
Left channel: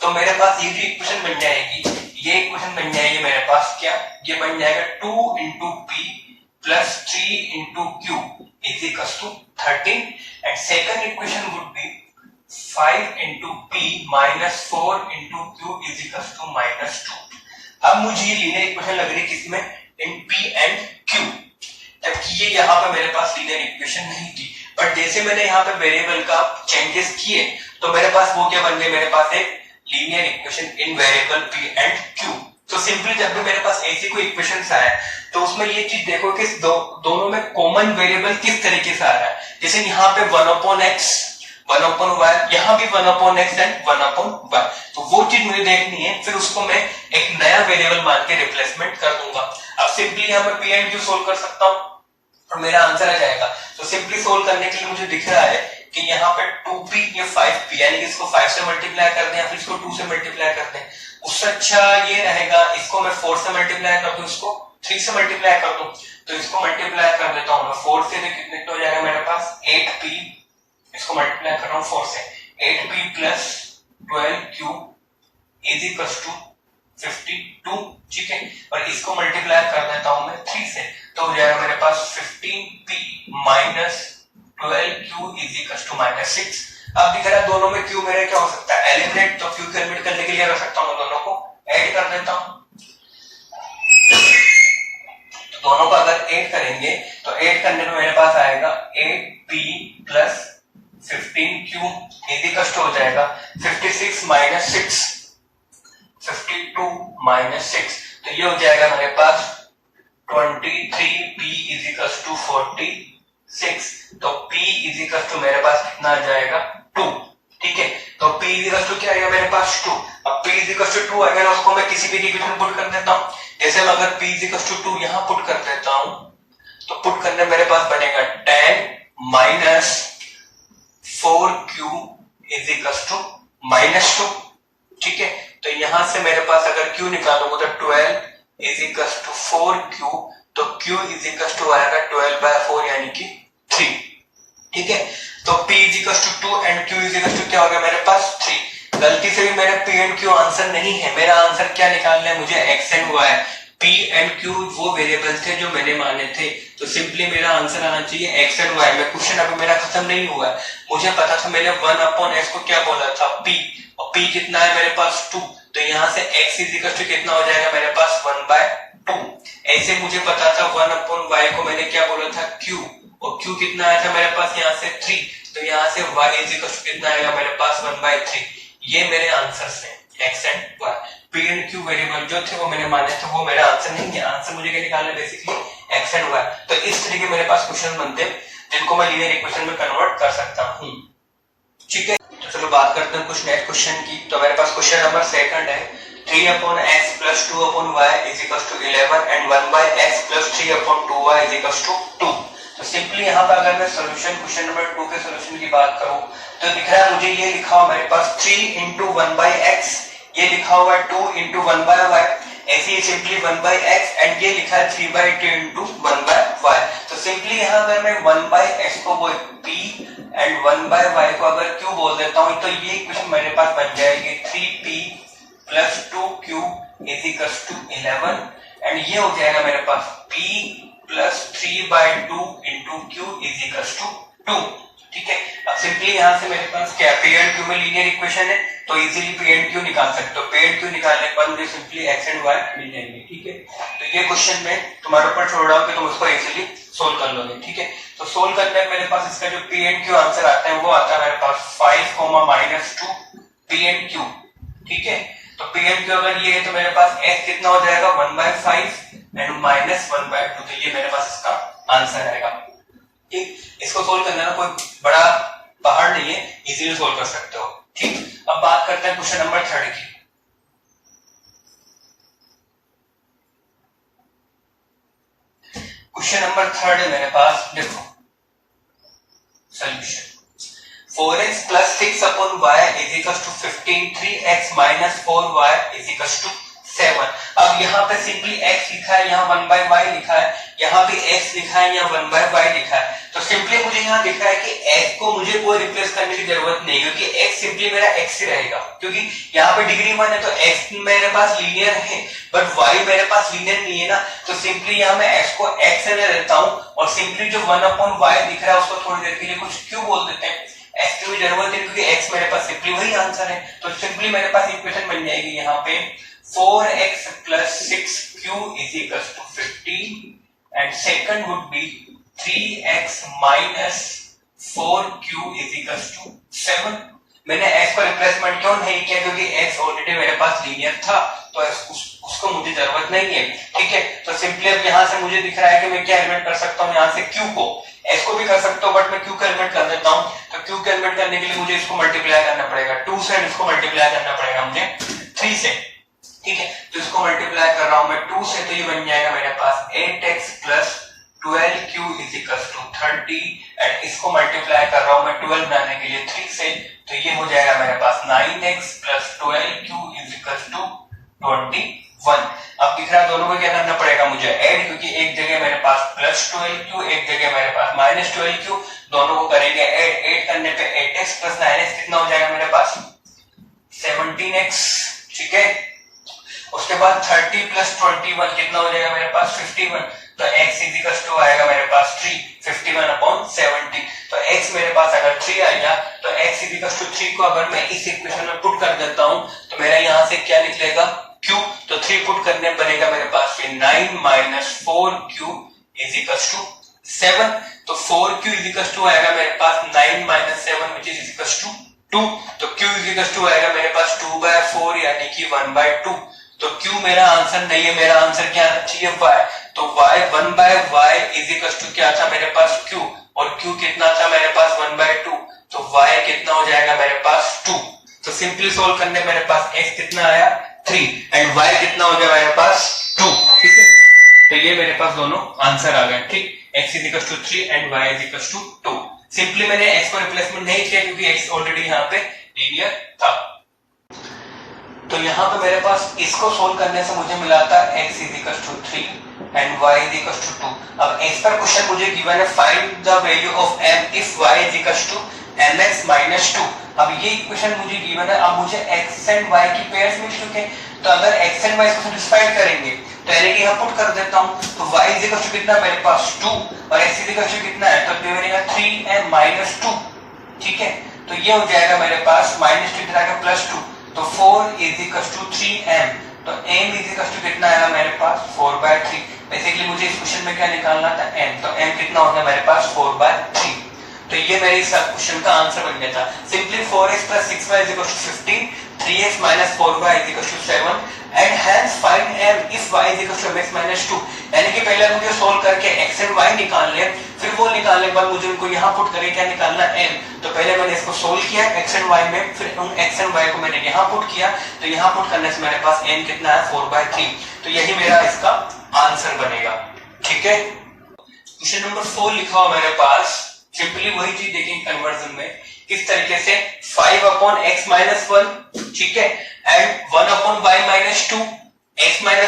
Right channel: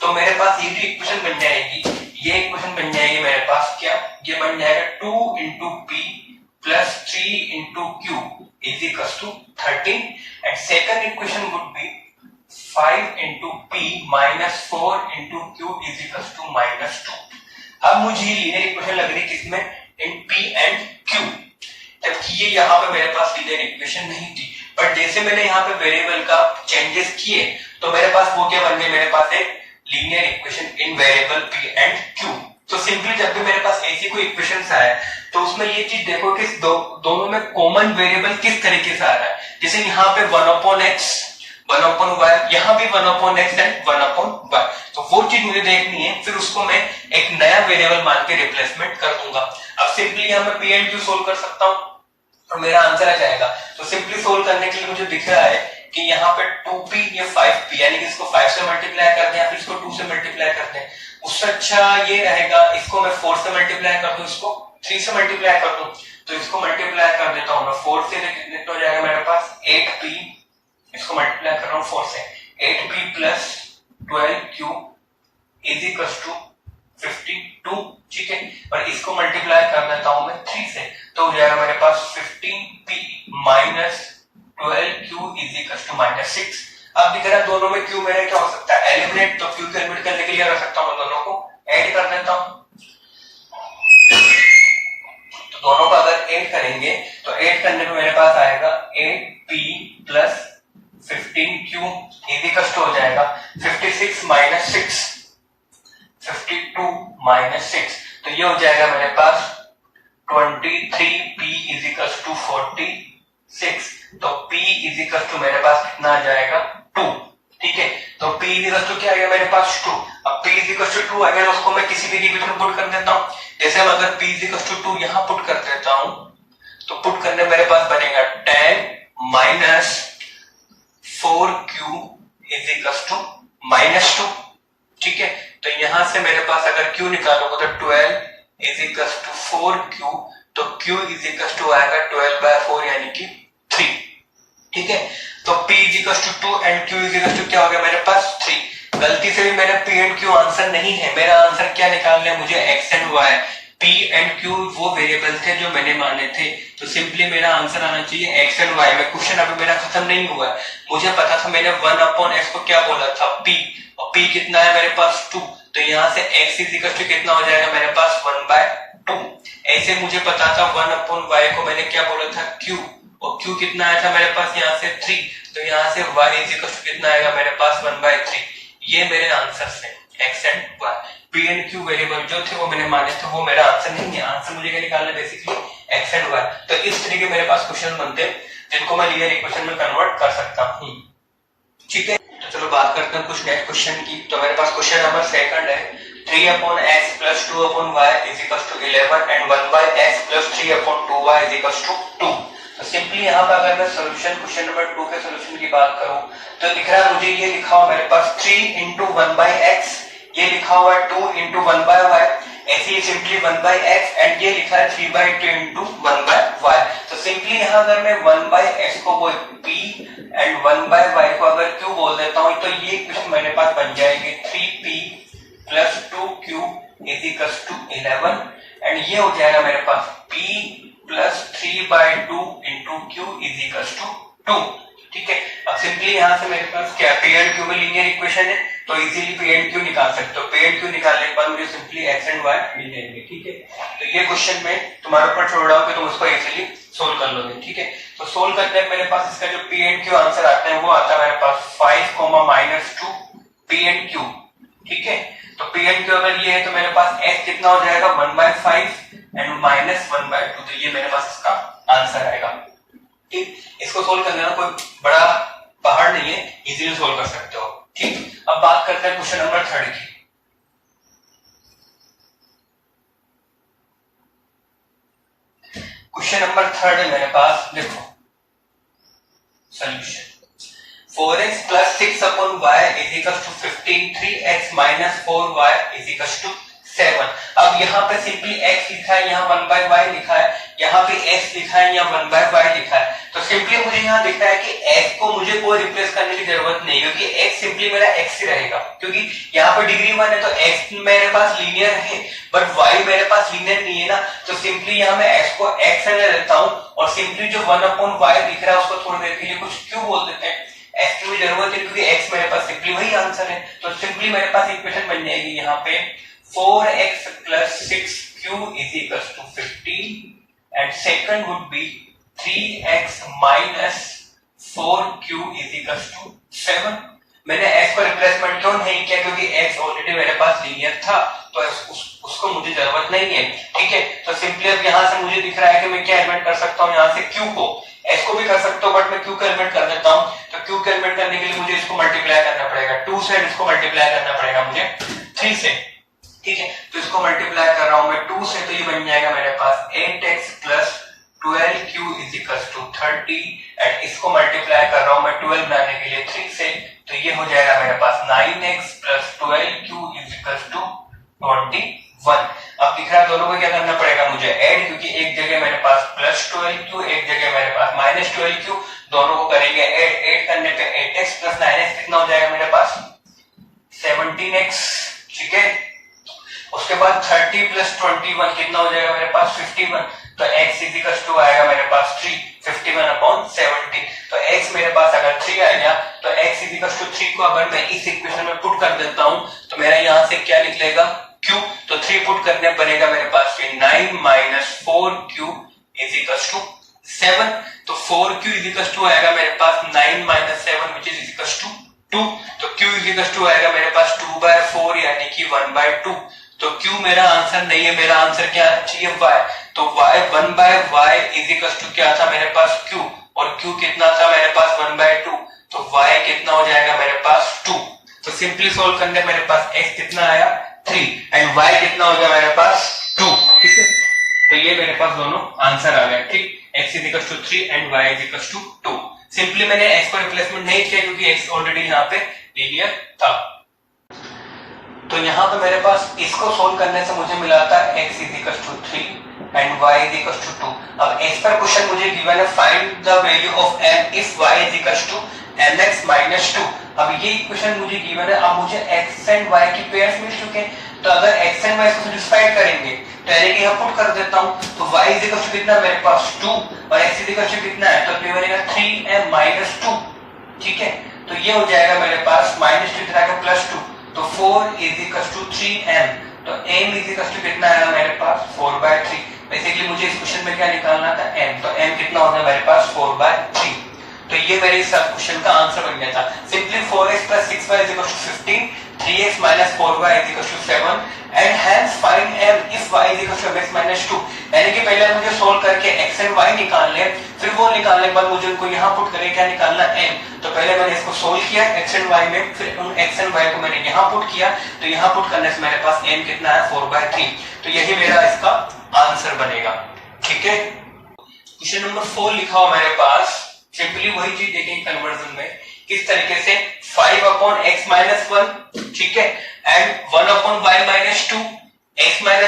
तो मेरे पास ये जो इक्वेशन बन जाएगी, ये इक्वेशन बन जाएगी मेरे पास क्या, ये बन जाएगा 2 into p plus 3 into q is equals to 13, and second equation would be 5 into p minus 4 into q is equals to -2। अब मुझे ये लीनियर इक्वेशन लग रही है किसमें, इन p and q, जबकि ये यहाँ पे मेरे पास लीनियर इक्वेशन नहीं थी, बट जैसे मैंने यहाँ पे वेरिएबल का चेंजेस किए तो मेरे पास वो क्या बन गए, मेरे पास एक linear equation in variable p and q। तो सिंपली जब भी मेरे पास ऐसी कोई इक्वेशंस आए तो उसमें ये चीज देखो कि दोनों में कॉमन वेरिएबल किस तरीके से आ रहा है, जैसे यहाँ पे 1/x 1/y, यहाँ भी 1/x एंड 1/y, तो वो चीज मुझे देखनी है, फिर उसको मैं एक नया वेरिएबल मान के रिप्लेसमेंट कर दूंगा। अब सिंपली यहाँ पे p एंड q सोल्व कर सकता हूँ और मेरा आंसर आ जाएगा। तो सिंपली सोल्व करने के लिए मुझे दिख रहा है कि यहाँ पे 2p या 5p, यानी कि इसको 5 से मल्टीप्लाई कर दें या फिर इसको 2 से मल्टीप्लाई कर दें, उससे अच्छा ये रहेगा इसको मैं 4 से मल्टीप्लाई कर दूं, इसको 3 से मल्टीप्लाई कर दूं, तो इसको मल्टीप्लाई कर देता हूं मैं 4 से, कितने हो जाएगा मेरे पास 8p, इसको मल्टीप्लाई कर रहा हूं 4 से, 8p plus 12q is equal to 52, ठीक है, और इसको मल्टीप्लाई कर देता हूं मैं 3 से, तो हो जाएगा मेरे पास 15p minus 12q is equal to -6। अब दिख रहा है दोनों में q मेरा क्या हो सकता है, एलिमिनेट, तो q को एलिमिनेट करने के लिए रख सकता हूं मैं दोनों को ऐड कर देता हूं, तो दोनों को अगर ऐड करेंगे तो ऐड करने पे मेरे पास आएगा 8p plus 15q is equal to हो जाएगा 56 माइनस 6, 52 माइनस 6, तो ये हो जाएगा मेरे पास 23p इज इक्वल टू 46, तो p इज इक्वल टू मेरे पास कितना आ जाएगा 2, ठीक है, तो p इज इक्वल टू क्या आएगा मेरे पास 2। अब p इज इक्वल टू 2 आएगा, उसको मैं किसी भी इक्वेशन में पुट कर देता हूं, जैसे मैं अगर p इज इक्वल टू 2 यहां पुट कर देता हूं, तो पुट करने मेरे पास बनेगा 10 minus 4q is equal to -2, ठीक है, तो यहां से मेरे पास अगर q निकालूंगा तो 12 इज इक्वल टू 4q, तो q इज इक्वल टू आएगा 12/4 यानी कि 3, ठीक है, तो p is equal to 2 and q is equal to क्या हो गया मेरे पास 3। गलती से भी मेरा p एंड q आंसर नहीं है, मेरा आंसर क्या निकालना है मुझे x and y, p and q वो वेरिएबल थे जो मैंने माने थे, तो सिंपली मेरा आंसर आना चाहिए x एंड y में। क्वेश्चन अभी मेरा खत्म नहीं हुआ है, मुझे पता था मैंने 1/x को क्या बोला था p, और p कितना है मेरे पास 2, तो यहाँ से x इज इक्वल टू कितना हो जाएगा मेरे पास 1/2, ऐसे मुझे पता था 1/y को मैंने क्या बोला था q, और q कितना आया था मेरे पास यहाँ से 3, तो यहाँ से y इज इक्वल टू कितना आएगा मेरे पास 1/3। ये मेरे आंसर्स हैं x and y। p and q variable जो थे वो मैंने माने थे, वो मेरा आंसर नहीं है। आंसर मुझे क्या निकालना है बेसिकली x एंड y। तो इस तरीके मेरे पास क्वेश्चन बनते हैं जिनको मैं लीनियर इक्वेशन में कन्वर्ट कर सकता हूँ। ठीक है, तो चलो बात करते हैं कुछ नेक्स्ट क्वेश्चन की। तो मेरे पास क्वेश्चन नंबर सेकंड है 3/x + 2/y = 11 and 1/x + 3/2y = 2। तो सिंपली यहाँ पर अगर मैं सॉल्यूशन क्वेश्चन नंबर 2 के सॉल्यूशन की बात करूं तो दिख रहा है मुझे ये लिखा हुआ मेरे पास 3 × 1/x, ये लिखा हुआ है 2 × 1/y, ऐसे ही सिंपली 1/x एंड ये लिखा है 3/2 × 1/y। तो सिंपली यहाँ अगर मैं 1/x को बोल p एंड 1/y को अगर q बोल देता हूँ तो ये इक्वेशन मेरे पास बन जाएगी 3p + 2q = 11 एंड ये हो जाएगा मेरे पास p + 3/2 × q = 2। ठीक है, अब सिंपली यहाँ से मेरे पास क्या p एंड q में लीनियर इक्वेशन है तो इजीली p एंड q निकाल सकते हो। p एंड q निकालने के बाद मुझे सिंपली x एंड y मिल जाएंगे। ठीक है, तो ये क्वेश्चन मैं तुम्हारे ऊपर छोड़ रहा हूँ कि तुम उसको इजीली सोल्व कर लोगे। ठीक है, तो सोल्व करने में मेरे पास इसका जो p एंड q आंसर आता है वो आता है मेरे पास 5, -2 p एंड q। ठीक है, तो p एंड q अगर ये है तो मेरे पास x कितना हो जाएगा 1/5 एंड -1/2, तो ये मेरे पास इसका आंसर आएगा। ठीक, इसको सोल्व करने में कोई बड़ा पहाड़ नहीं है, इजीली सोल्व कर सकते हो। ठीक, अब बात करते हैं क्वेश्चन नंबर 3 की। क्वेश्चन नंबर 3 है मेरे पास, देखो solution 4x + 6/y = 15, 3x - 4y = 7। अब यहाँ पे सिंपली x लिखा है, यहाँ 1/y लिखा है, यहाँ पे x लिखा है, यहाँ 1/y लिखा है। तो सिंपली मुझे यहाँ दिख रहा है कि x को मुझे कोई रिप्लेस करने की जरूरत नहीं है क्योंकि x सिंपली मेरा x ही रहेगा, क्योंकि यहाँ पे डिग्री 1 है तो x मेरे पास लीनियर है बट y मेरे पास लीनियर नहीं है ना। तो सिंपली यहाँ मैं x को x रहने देता हूँ और सिंपली जो 1/y दिख रहा है उसको थोड़ी देर के लिए कुछ q बोल देते हैं। x की जरूरत है क्योंकि x मेरे पास सिंपली वही आंसर है। तो सिंपली मेरे पास इक्वेशन बन जाएगी यहाँ पे 4x + 6q = 15 and second would be 3x - 4q = 7। मैंने x को रिप्लेसमेंट क्यों नहीं किया क्योंकि x ऑलरेडी मेरे पास लीनियर था तो उसको मुझे जरूरत नहीं है। ठीक है, तो सिंपली अब यहाँ से मुझे दिख रहा है कि मैं क्या एलिमेंट कर सकता हूँ, यहाँ से q को, x को भी कर सकता हूँ बट मैं q का एलिमेंट कर देता हूँ। तो q का एलिमेंट करने के लिए मुझे इसको मल्टीप्लाई करना पड़ेगा 2 से, इसको मल्टीप्लाई करना पड़ेगा मुझे 3 से। ठीक है, तो इसको मल्टीप्लाई कर रहा हूं मैं 2 से, तो ये बन जाएगा मेरे पास 8x + 12q = 30 एंड इसको मल्टीप्लाई कर रहा हूं मैं 12 बनाने के लिए 3 से, तो ये हो जाएगा मेरे पास 9x + 12q = 21। अब दिख रहा है दोनों को क्या करना पड़ेगा मुझे ऐड, क्योंकि एक जगह मेरे पास +12q, एक जगह मेरे पास -12q, दोनों को करेंगे ऐड। ऐड करने पे 8x + 9x कितना हो जाएगा मेरे पास 17x। ठीक है, उसके बाद 30 + 21 कितना हो जाएगा मेरे पास 51, तो x = आएगा मेरे पास 3, 51/70। तो x मेरे पास अगर 3 आ गया तो x = 3 को अगर मैं इस इक्वेशन में पुट कर देता हूं तो मेरा यहाँ से क्या निकलेगा q, तो 3 पुट करने पड़ेगा मेरे पास 9 - 4q = 7। तो 4q = आएगा मेरे पास 9 - 7 which is = 2। तो q = आएगा मेरे पास 2/4 यानी कि 1/2। तो q मेरा आंसर नहीं है, मेरा आंसर क्या चाहिए y। तो y 1/y = क्या था मेरे पास q, और q कितना था मेरे पास 1/2, तो y कितना हो जाएगा मेरे पास 2। तो सिंपली सोल्व करने मेरे पास x कितना आया 3 एंड y कितना हो गया मेरे पास 2। ठीक है, तो ये मेरे पास दोनों आंसर आ गए। ठीक, x = 3 एंड y = 2। सिंपली मैंने x को रिप्लेसमेंट नहीं किया क्योंकि x ऑलरेडी यहाँ पे लीनियर था। तो यहाँ पे मेरे पास इसको सोल्व करने से मुझे मिला था x = 3 एंड y = 2। अब इस पर क्वेश्चन मुझे गिवन है find the value of m if y = mx - 2। अब ये इक्वेशन मुझे गिवन है, अब मुझे x एंड y की पेयर्स मिल चुके हैं। तो अगर x एंड y को सैटिस्फाई करेंगे तो एलईडी यहाँ पुट कर देता हूँ, तो y = कितना मेरे पास 2 और x = कितना है, तो ये बनेगा 3m - 2। ठीक है, तो ये हो जाएगा मेरे पास -2 इधर आएगा +2, तो 4 = 3m, तो m = कितना आया मेरे पास 4/3। बेसिकली मुझे इस क्वेश्चन में क्या निकालना था, m, तो m कितना हो गया मेरे पास 4/3, तो ये मेरे इस क्वेश्चन का आंसर बन गया था। Simply 4x + 6y = 15, 3x - 4y = 7 and hence find m if y = mx - 2। यानी कि पहले मुझे सोल्व करके x एंड y निकाल ले, फिर वो निकालने के बाद मुझे उनको यहाँ पुट करके क्या निकालना m। तो पहले मैंने इसको सोल्व किया x एंड y में, फिर उन x एंड y को मैंने यहाँ पुट किया, तो यहाँ पुट करने से मेरे पास m कितना है 4/3, तो यही मेरा इसका आंसर बनेगा। ठीक है, क्वेश्चन नंबर 4 लिखा हुआ मेरे पास, सिंपली वही चीज देखेंगे कन्वर्जन में किस तरीके से 5/x - 1, ठीक है, एंड 1/y - 2, x - 1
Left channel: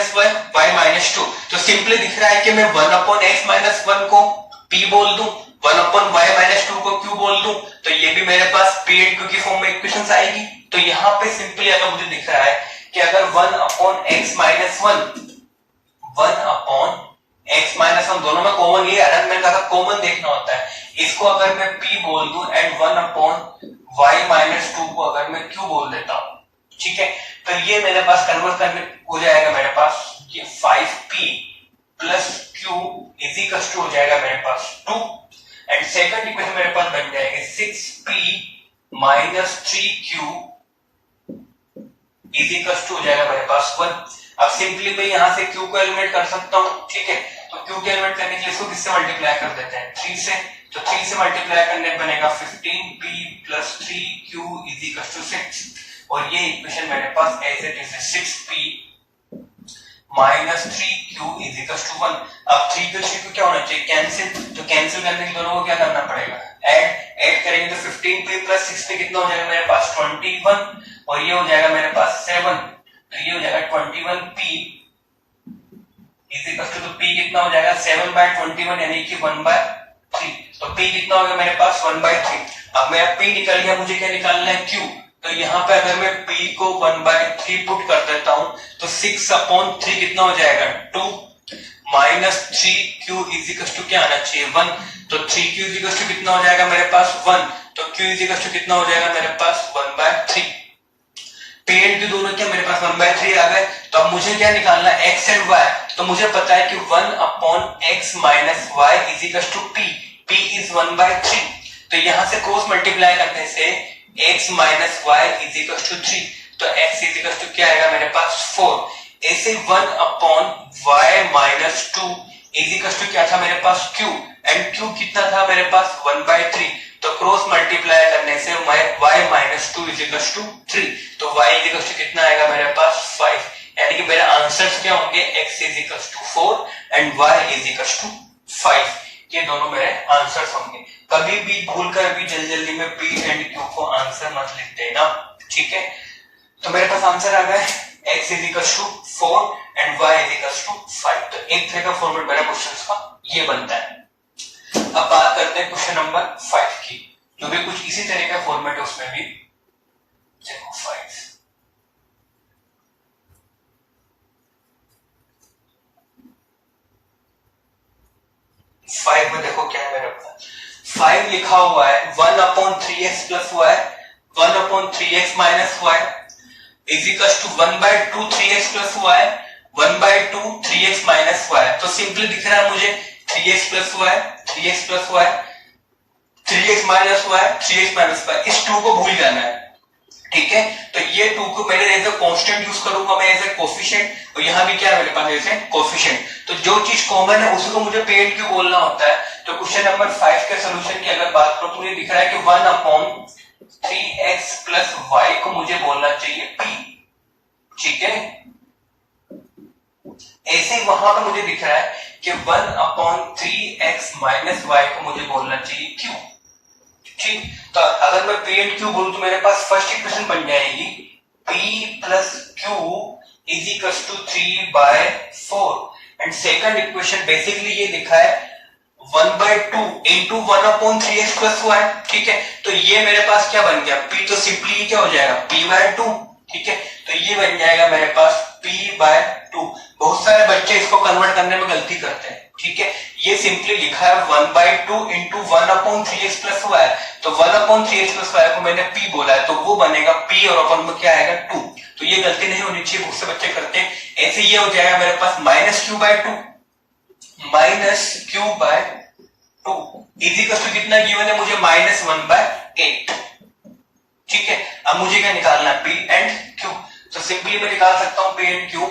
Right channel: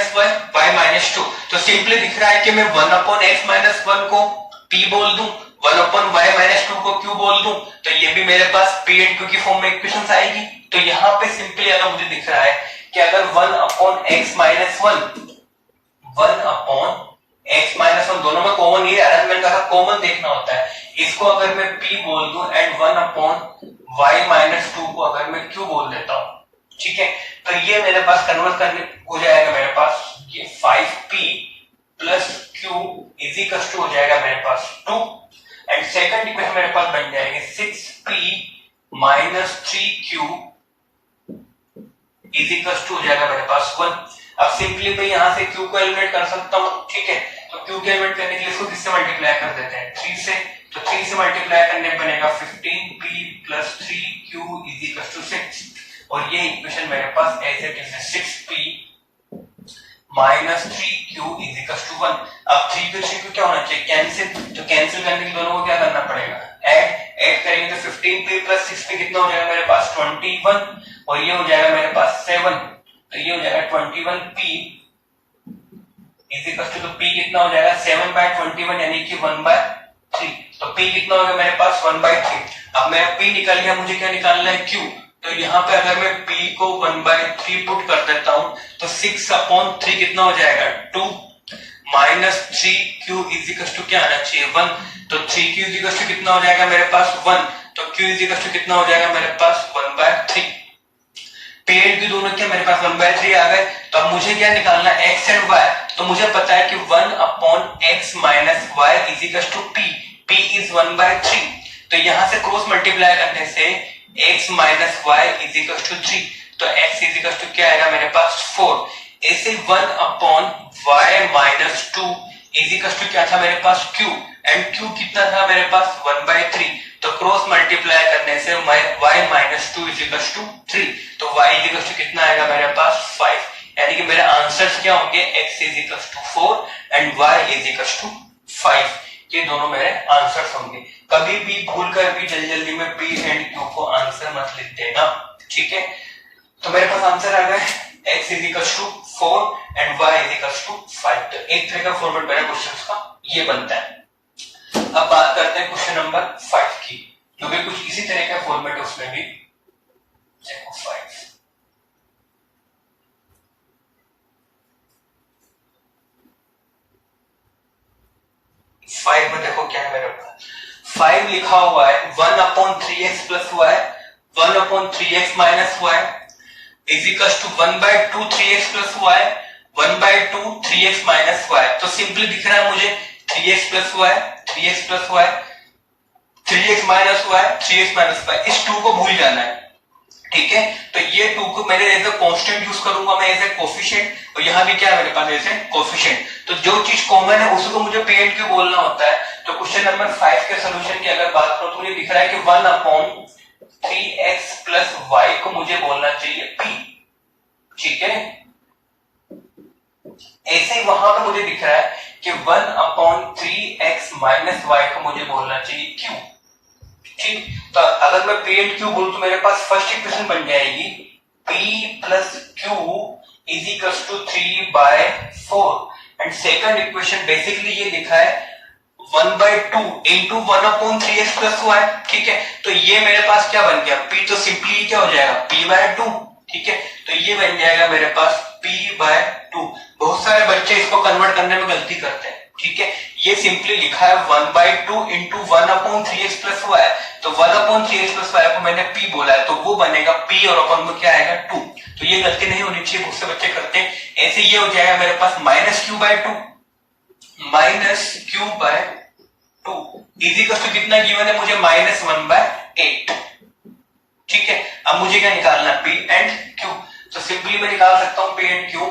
y - 2। तो सिंपली दिख रहा है कि मैं 1/x - 1 को p बोल दूं, 1/y - 2 को q बोल दूं, तो ये भी मेरे पास p एंड q की फॉर्म में इक्वेशंस आएगी। तो यहाँ पे सिंपली अगर मुझे दिख रहा है कि अगर 1/x - 1 दोनों में कॉमन, ये अरेंजमेंट का कॉमन देखना होता है, इसको अगर मैं p बोल दूं एंड 1/y - 2 को अगर मैं q बोल देता हूं, ठीक है, तो ये मेरे पास कन्वर्ट करने हो जाएगा मेरे पास ये 5p + q = हो जाएगा मेरे पास 2 एंड सेकंड इक्वेशन मेरे पास बन जाएगी 6p - 3q = हो जाएगा मेरे पास 1। अब सिंपली मैं यहां से q को एलिमिनेट कर सकता हूं, ठीक है, तो q को एलिमिनेट करने के लिए इसको किससे मल्टीप्लाई कर देते हैं 3 से, तो 3 से मल्टीप्लाई करने पे बनेगा 15p + 3q = 6 और ये इक्वेशन मेरे पास ऐसे है 6p - 3q = 1। अब 3q 3q क्या होना चाहिए कैंसिल, तो कैंसिल करने के लिए दोनों को क्या करना पड़ेगा ऐड करेंगे तो 15p + 6p कितना हो जाएगा मेरे पास 21 और ये हो जाएगा मेरे पास 7, तो ये हो जाएगा 21p तो p कितना हो जाएगा 7/21 यानी कि 1/3, तो p कितना हो गया मेरे पास 1/3। अब मेरा p निकल गया, मुझे क्या निकालना है q, तो यहाँ पे अगर मैं p को 1/3 पुट कर देता हूं तो 6/3 कितना हो जाएगा 2 - 3q = क्या आना चाहिए 1, तो 3q = कितना हो जाएगा मेरे पास 1, तो q = कितना हो जाएगा मेरे पास 1/3। p एंड q दोनों क्या मेरे पास 1/3 आ गए। तो अब मुझे क्या निकालना है x एंड y, तो मुझे पता है कि 1/x - y = p is 1/3, तो यहां से क्रॉस मल्टीप्लाई करने से x - y = 3, तो x = क्या आएगा मेरे पास 4। ऐसे 1/y - 2 = क्या था मेरे पास q एंड q कितना था मेरे पास 1/3, तो क्रॉस मल्टीप्लाई करने से y - 2 = 3, तो y = कितना आएगा मेरे पास 5, यानी कि मेरे आंसर्स क्या होंगे x = 4 एंड y = 5, ये दोनों मेरे आंसर्स होंगे। कभी भी भूल कर भी जल्दी में p एंड q को आंसर मत लिख देना, ठीक है। तो मेरे पास आंसर आ गया x = 4 एंड y = 5, तो एक तरह का फॉर्मेट मेरा क्वेश्चंस का ये बनता है। अब बात करते हैं क्वेश्चन नंबर 5 की, जो भी कुछ इसी तरह का फॉर्मेट है, उसमें भी देखो 5 में देखो क्या है मेरे पास 5 लिखा हुआ है 1/3x + y 1/3x - y = 1/2 3x + y 1/2 3x - y। तो सिंपली दिख रहा है मुझे 3x + y 3x + y 3x - y 3x - y, इस 2 को भूल जाना है, ठीक है। तो ये 2 को मैंने एज अ कांस्टेंट यूज करूंगा मैं एज ए कोफिशिएंट, और यहां भी क्या है मेरे पास एज ए कोफिशिएंट, तो जो चीज कॉमन है उसको मुझे p एंड q बोलना होता है। तो क्वेश्चन नंबर 5 के सॉल्यूशन की अगर बात करो तो मुझे दिख रहा है कि 1/3x + y को मुझे बोलना चाहिए p, ठीक है। ऐसे ही वहां पर मुझे दिख रहा है कि 1/3x - y को मुझे बोलना चाहिए q, ठीक। तो अगर मैं p एंड q बोलूं तो मेरे पास फर्स्ट इक्वेशन बन जाएगी p + q = 3/4 and second equation basically ये लिखा है 1/2 × 1/3x + y, ठीक है। तो ये मेरे पास क्या बन गया p, तो सिंपली क्या हो जाएगा p/2, ठीक है। तो ये बन जाएगा मेरे पास p/2। बहुत सारे बच्चे इसको कन्वर्ट करने में गलती करते हैं, ठीक है। ये सिंपली लिखा है 1/2 × 1/3x + y, तो 1/3x + y को मैंने p बोला है, तो वो बनेगा p और अपन में क्या आएगा 2, तो ये गलती नहीं होनी चाहिए, बहुत से बच्चे करते हैं। ऐसे ये हो जाएगा मेरे पास -q/2, minus q by 2 is equals to कितना गिवन है मुझे -1/8। ठीक है, अब मुझे क्या निकालना है, पी एंड क्यू। तो सिंपली मैं निकाल सकता हूं पी एंड क्यू।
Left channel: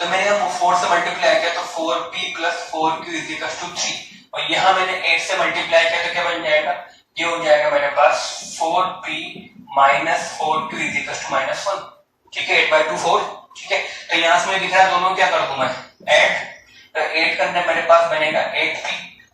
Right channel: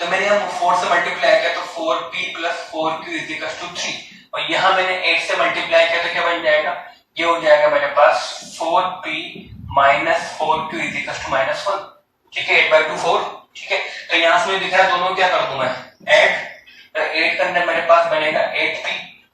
तो मैंने यहाँ 4 से मल्टीप्लाई किया तो 4p + 4q = 3, और यहाँ मैंने 8 से मल्टीप्लाई किया तो क्या बन जाएगा, ये हो जाएगा मेरे पास 4p - 4q = -1। ठीक है, 8/2 4। ठीक है, तो यहाँ से मुझे दिख रहा है दोनों क्या कर दूं मैं, ऐड। तो 8 करने मेरे पास बनेगा 8p,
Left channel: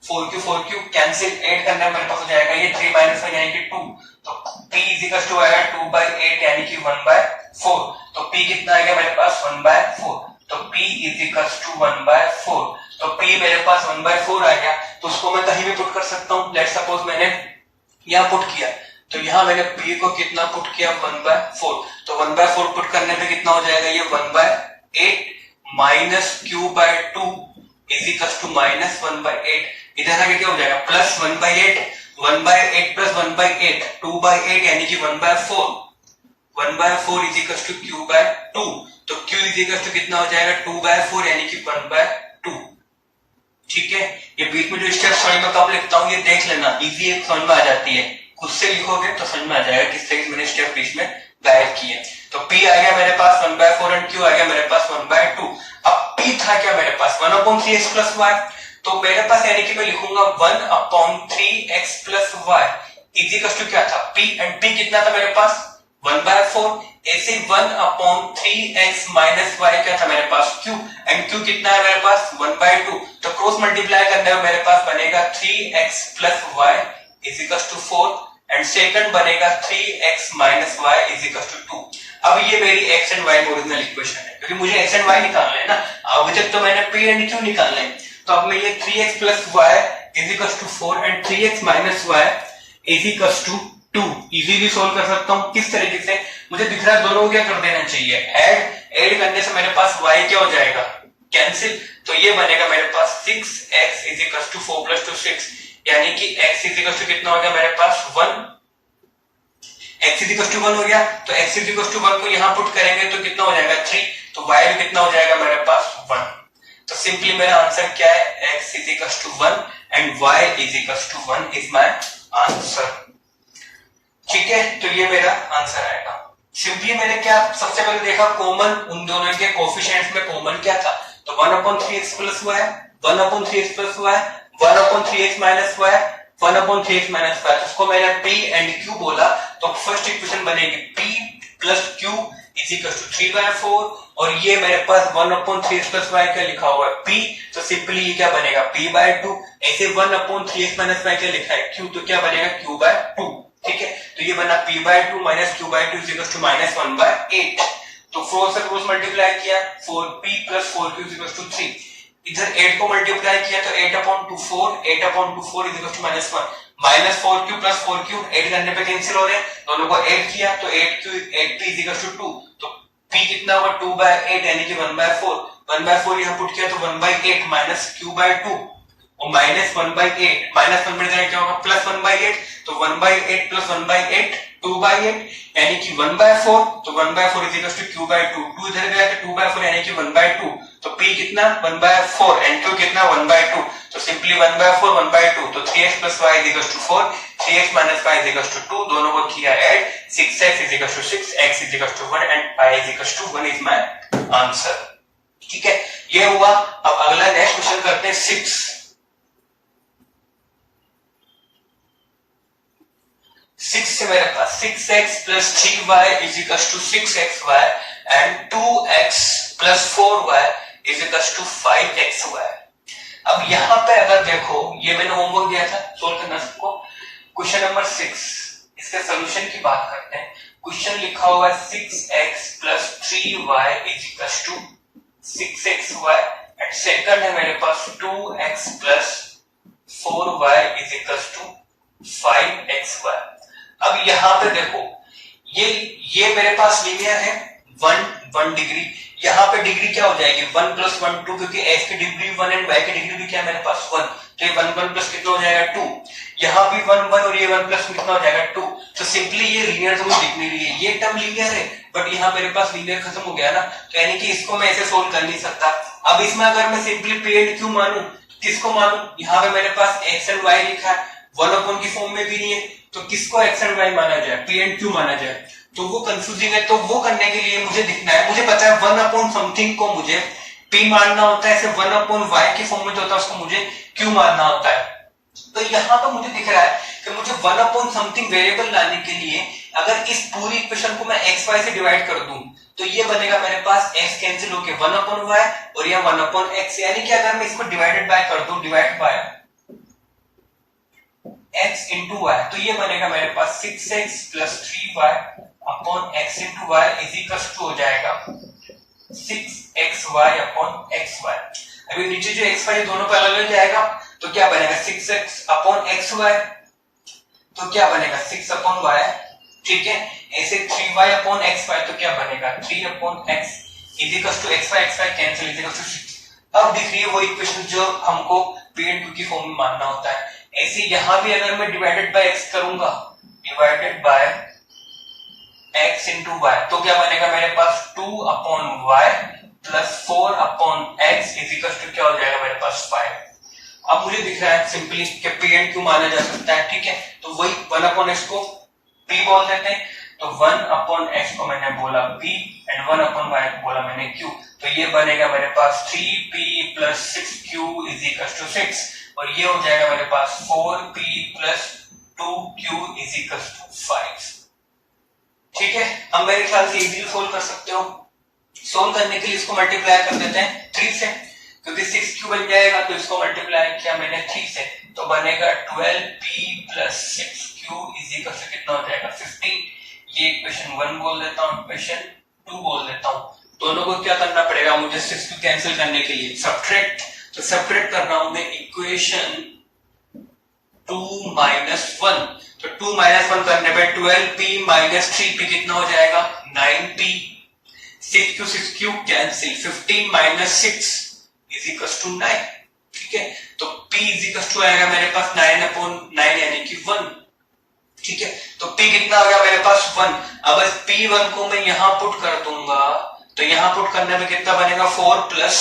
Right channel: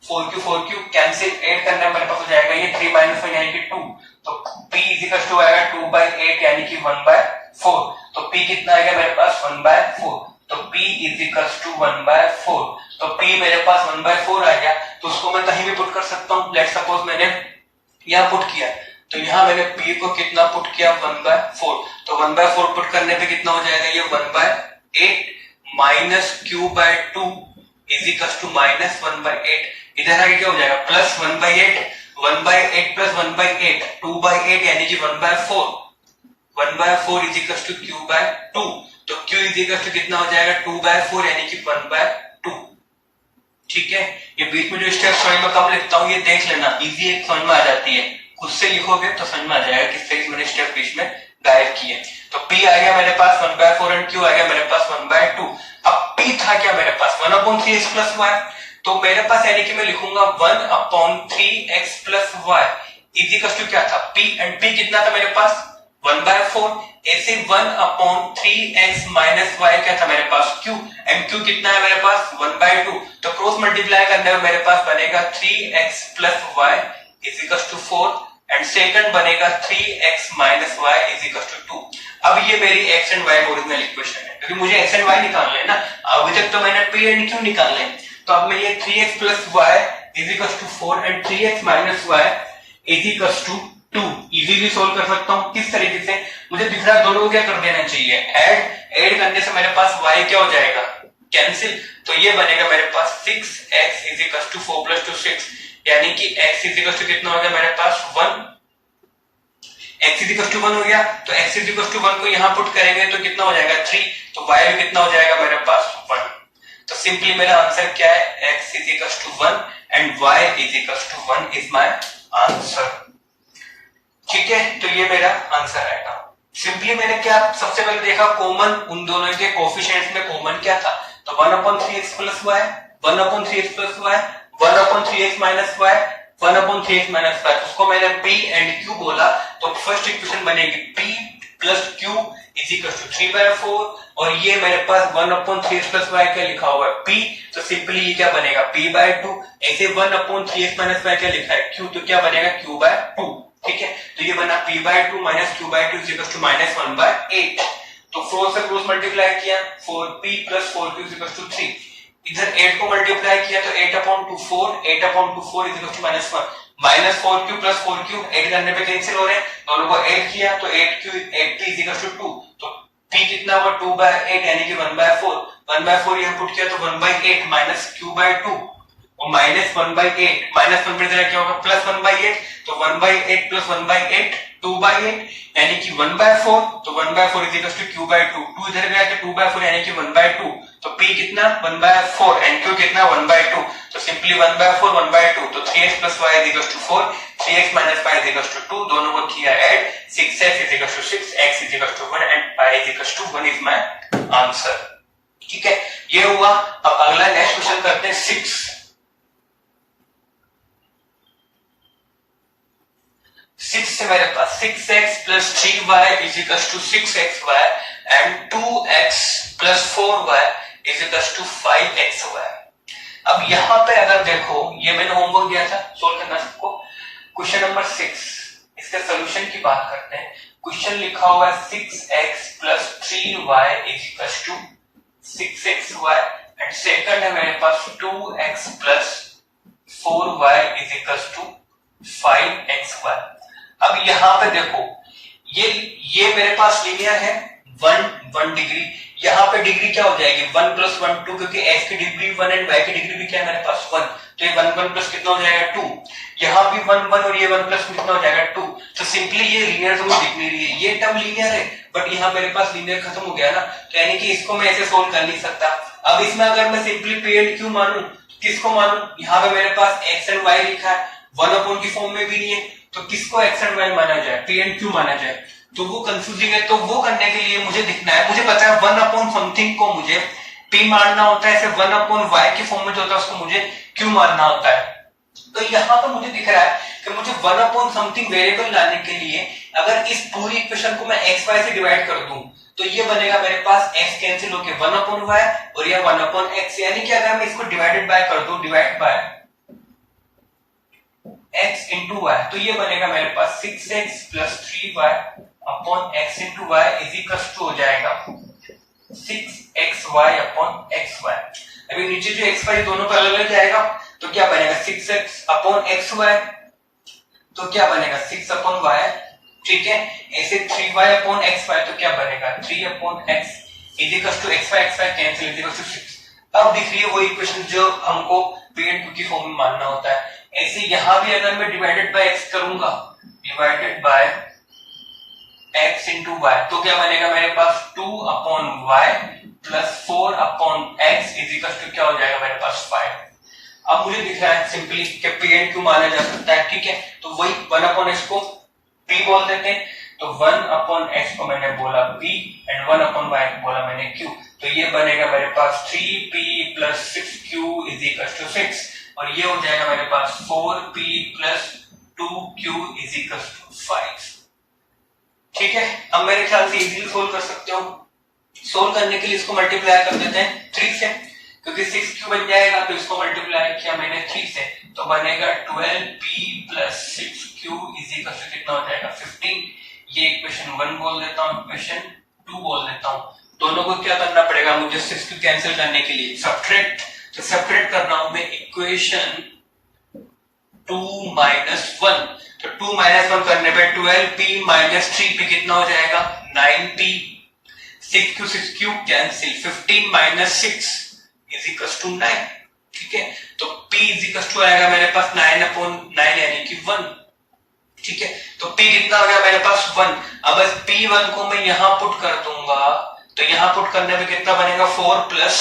4q कैंसिल, 8 करने मेरे पास हो जाएगा ये 3 - 1 यानी कि 2। तो p = आएगा 2/8 यानी कि 1/4। तो p कितना आएगा मेरे पास 1/4। तो p = 1/4। तो p मेरे पास 1/4 आ गया, तो उसको मैं कहीं भी पुट कर सकता हूं। लेट्स सपोज मैंने यहाँ पुट किया, तो यहाँ मैंने p को कितना पुट किया, 1/4। तो 1/4 पुट करने पे कितना हो जाएगा, ये 1/8 माइनस q/2 = -1/8। इधर आगे क्या हो जाएगा, +1/8, 1/8 + 1/8 2/8 यानी कि 1/4। 1/4 = q/2। तो q = कितना हो जाएगा, 2/4 यानी कि 1/2। ठीक है, ये बीच में जो स्टेप समझ में कब लिखता हूं ये देख लेना, इजी एक समझ में आ जाती है। खुद से लिखोगे तो समझ में आ जाएगा किस तरीके से मैंने स्टेप बीच में गायब किए। तो p आ गया मेरे पास 1/4 एंड q आ गया मेरे पास 1/2। अब p था क्या मेरे पास, 1/3x + y। तो मेरे पास यानी कि मैं लिखूंगा 1/3x + y = क्या था, p, एंड p कितना था मेरे पास 1/4। ऐसे 1/3x - y क्या था मेरे पास, q, एंड q कितना है मेरे पास 1/2। तो क्रॉस मल्टीप्लाई करने में मेरे पास बनेगा 3x + y = 4, एंड सेकंड बनेगा 3x - y = 2। अब ये मेरी x and y original equation है, क्योंकि मुझे x एंड y निकालना है ना। अभी तक तो मैंने p एंड q निकालना है। तो अब मैं ये 3x + y = 4 and 3x - y = 2 easily solve कर सकता हूं। किस तरीके से, मुझे दिख रहा है दोनों को क्या कर देना चाहिए, ऐड करने से मेरे पास y क्या हो जाएगा, कैंसिल। तो ये बनेगा मेरे पास 6x = 4 + 2 6, यानी कि x = कितना हो गया मेरे पास 1। x = 1 हो गया, तो x = 1 को यहां पुट करेंगे तो कितना हो जाएगा 3। तो y कितना हो जाएगा मेरे पास 1। तो सिंपली मेरा आंसर क्या है, x = 1 and y = 1 is my answer. ठीक है, तो ये मेरा आंसर आएगा। सिंपली मैंने क्या सबसे पहले देखा, कॉमन उन दोनों के कोएफिशिएंट्स में कॉमन क्या था, तो 1/3x + y, 1/3x + y, 1/3x - y, 1/3x - y। उसको मैंने p एंड q बोला, तो फर्स्ट इक्वेशन बनेगी p + q = 3/4, और ये मेरे पास 1/3x + y क्या लिखा हुआ है p, तो सिंपली ये क्या बनेगा p/2। ऐसे 1/3x - y क्या लिखा है q, तो क्या बनेगा q/2। ठीक है, तो ये बना p/2 - q/2 = -1/8। तो 4 से क्रॉस मल्टीप्लाई किया, 4p + 4q = 3। इधर 8 को मल्टीप्लाई किया तो 8/2 4, 8/4 = -1, -4q + 4q 8 करने पे कैंसिल हो रहे हैं, दोनों को ऐड किया तो 8p = 2। तो p कितना हुआ 2/8 यानी कि 1/4। 1/4 यहां पुट किया तो 1/8 - q/2 और -1/8, -1 पर क्या होगा +1/8। तो 1/8 + 1/8 2/8 यानी कि 1/4। तो 1/4 = q/2, 2 इधर गया तो 2/4 यानी कि 1/2। तो p कितना 1/4 एंड q कितना 1/2। तो सिंपली 1/4 1/2, तो 3x + y = 4, 3x - y = 2, दोनों को किया add, 6x = 6, x = 1 and y = 1 is my answer. ठीक है, ये हुआ। अब अगला नेक्स्ट क्वेश्चन करते हैं 6 से मेरे पास 6x + 3y = 6xy and 2x + 4y = 5xy। अब यहां पे अगर देखो, ये मैंने होमवर्क दिया था सोल्व करना सबको, क्वेश्चन नंबर 6, इसके सॉल्यूशन की बात करते हैं। क्वेश्चन लिखा हुआ है 6x + 3y = 6xy and second है मेरे पास 2x + 4y = 5xy। अब यहां पे देखो, ये मेरे पास लीनियर है 1 डिग्री, यहाँ पे डिग्री क्या हो जाएगी 1 + 1 2, क्योंकि x की डिग्री 1 एंड y की डिग्री भी क्या है मेरे पास 1। तो ये 1 1 प्लस कितना हो जाएगा 2, यहाँ भी 1 1 और ये 1 प्लस कितना हो जाएगा 2। तो सिंपली ये लीनियर तो दिख नहीं रही है, ये टर्म लीनियर है बट यहाँ मेरे पास लीनियर खत्म हो गया ना, तो यानी कि इसको मैं ऐसे सोल्व कर नहीं सकता। अब इसमें अगर मैं सिंपली पी एंड क्यू मानूं तो किसको मानूं? यहाँ पे मेरे पास एक्स एंड वाई लिखा है, वन अपॉन की फॉर्म में भी नहीं है, तो किसको एक्स एंड वाई माना जाए? पी एंड क्यू माना जाए। तो वो कंफ्यूजिंग है, तो वो करने के लिए मुझे दिखना है, मुझे पता है वन अपॉन समथिंग को मुझे पी मानना होता है, ऐसे वन अपॉन वाई की फॉर्म में जो होता है उसको मुझे क्यू मानना होता है। तो यहाँ पर मुझे दिख रहा है कि मुझे वन अपॉन समथिंग वेरिएबल लाने के लिए अगर इस पूरी इक्वेशन को मैं एक्स वाई से डिवाइड कर दूं तो ये बनेगा मेरे पास x कैंसिल होके वन अपॉन वाई और यह वन अपॉन एक्स, यानी कि अगर मैं इसको डिवाइडेड बाय कर दूं, divide by x into y, तो ये बनेगा मेरे पास 6x plus 3y upon x into y is equal to हो जाएगा 6xy अपॉन xy। अभी नीचे जो xy दोनों पे अलग अलग जाएगा तो क्या बनेगा 6x अपॉन xy, तो क्या बनेगा 6 अपॉन y, ठीक है। ऐसे 3y अपॉन xy तो क्या बनेगा 3 upon x is equal to xy cancel is equal to 6। अब दिख रही है वो इक्वेशन जो हमको पी एंड क्यू की फॉर्म में मानना होता है। ऐसे यहां भी अगर मैं डिवाइडेड बाय x करूंगा, divided by x into y, तो क्या बनेगा मेरे पास 2 upon y plus 4 upon x is equal to क्या हो जाएगा मेरे पास 5। अब मुझे दिख रहा है सिंपली कि पी एंड क्यू माना जा सकता है, ठीक है। तो वही 1 अपॉन x को p बोल देते हैं, तो 1 अपॉन x को मैंने बोला p एंड 1 अपॉन y को बोला मैंने q, तो ये बनेगा मेरे पास 3p plus 6q is equal to 6 और ये हो जाएगा मेरे पास 4p plus 2q is equal to 5, ठीक है। अब मेरे ख्याल से इजीली सोल्व कर सकते हो। सोल्व करने के लिए इसको मल्टीप्लाई कर देते हैं 3 से, क्योंकि 6q बन जाएगा तो इसको मल्टीप्लाई किया मैंने 3 से, तो बनेगा 12p plus 6q is equal to कितना हो जाएगा 15। ये इक्वेशन 1 बोल देता हूँ, इक्वेशन 2 बोल देता हूँ। दोनों को क्या करना पड़ेगा मुझे 6q कैंसिल करने के लिए? सब्ट्रैक्ट। तो सब्ट्रैक्ट कर रहा हूं मैं इक्वेशन 2 माइनस 1, तो 2 माइनस 1 करने पे 12p माइनस 3p कितना हो जाएगा 9p, 6q cancel, 15 minus 6 is equal to 9, ठीक है। तो p इज इक्वल टू आएगा मेरे पास 9 अपॉन 9 यानी कि 1, ठीक है। तो p कितना आ गया मेरे पास 1। अब इस p1 को मैं यहां पुट कर दूंगा तो यहां पुट करने में कितना बनेगा 4 plus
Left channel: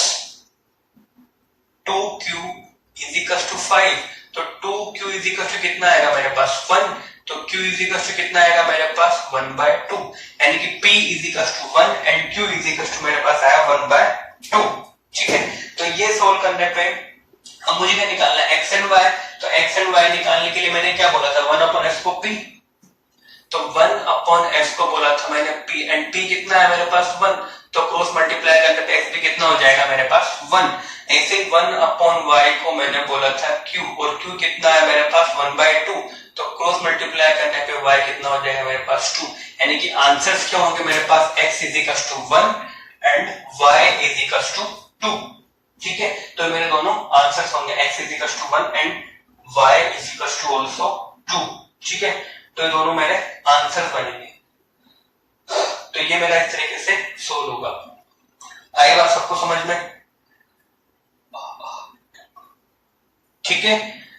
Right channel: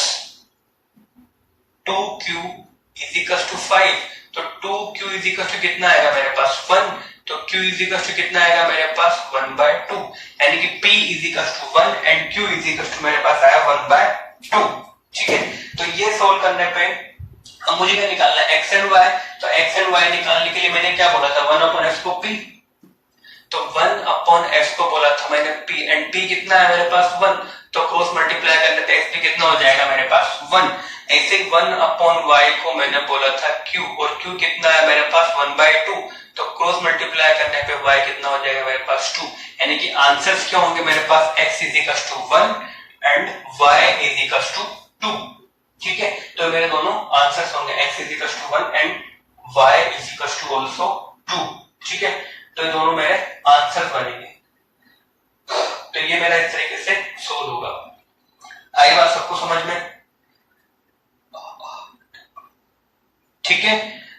2q is equal to 5, तो 2q इज इक्वल टू कितना आएगा मेरे पास 1, तो q इज इक्वल टू कितना आएगा मेरे पास 1/2, यानी कि p is equal to 1 and q is equal to मेरे पास आया 1/2, ठीक है। तो ये सोल्व करने पे अब मुझे क्या निकालना है x एंड y, तो x एंड y निकालने के लिए मैंने क्या बोला था 1 अपॉन s को p, तो 1 अपॉन s को बोला था मैंने p एंड p कितना है मेरे पास 1, तो क्रॉस मल्टीप्लाई करने पे x भी कितना हो जाएगा मेरे पास 1। ऐसे 1 अपॉन y को मैंने बोला था q और q कितना है मेरे पास 1/2, तो क्रॉस मल्टीप्लाई करने पे y कितना हो जाएगा मेरे पास 2, यानी कि आंसर्स क्या होंगे मेरे पास x is equal to 1 and y is equal to 2, ठीक है। तो मेरे दोनों आंसर्स होंगे x is equal to 1 and y is equal to also 2, ठीक है। तो ये दोनों मेरे आंसर बनेंगे। तो ये मेरा इस तरीके से सोल्व होगा। आई बात सबको समझ में? ठीक है।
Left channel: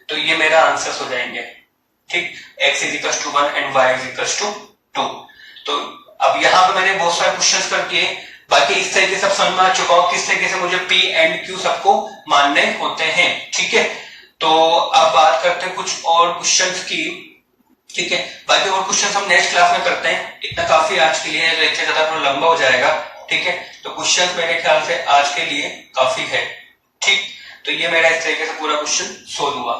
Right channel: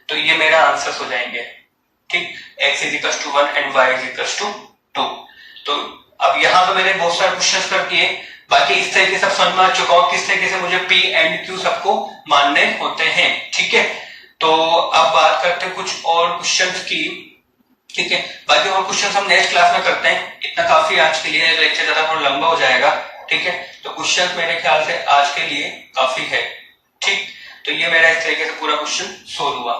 तो ये मेरा आंसर्स हो जाएंगे, ठीक। x is equal to 1 and y is equal to 2। तो अब यहाँ पे मैंने बहुत सारे क्वेश्चंस कर दिए, बाकी इस तरीके से समझ में आ चुका हूं किस तरीके से मुझे p एंड q सबको मानने होते हैं, ठीक है। तो अब बात करते हैं कुछ और क्वेश्चंस की, ठीक है। बाकी और क्वेश्चंस हम नेक्स्ट क्लास में करते हैं, इतना काफी आज के लिए है, लेक्चर ज्यादा थोड़ा लंबा हो जाएगा, ठीक है। तो क्वेश्चंस मेरे ख्याल से आज के लिए काफी है, ठीक। तो ये मेरा इस तरीके से पूरा क्वेश्चन सोल्व हुआ।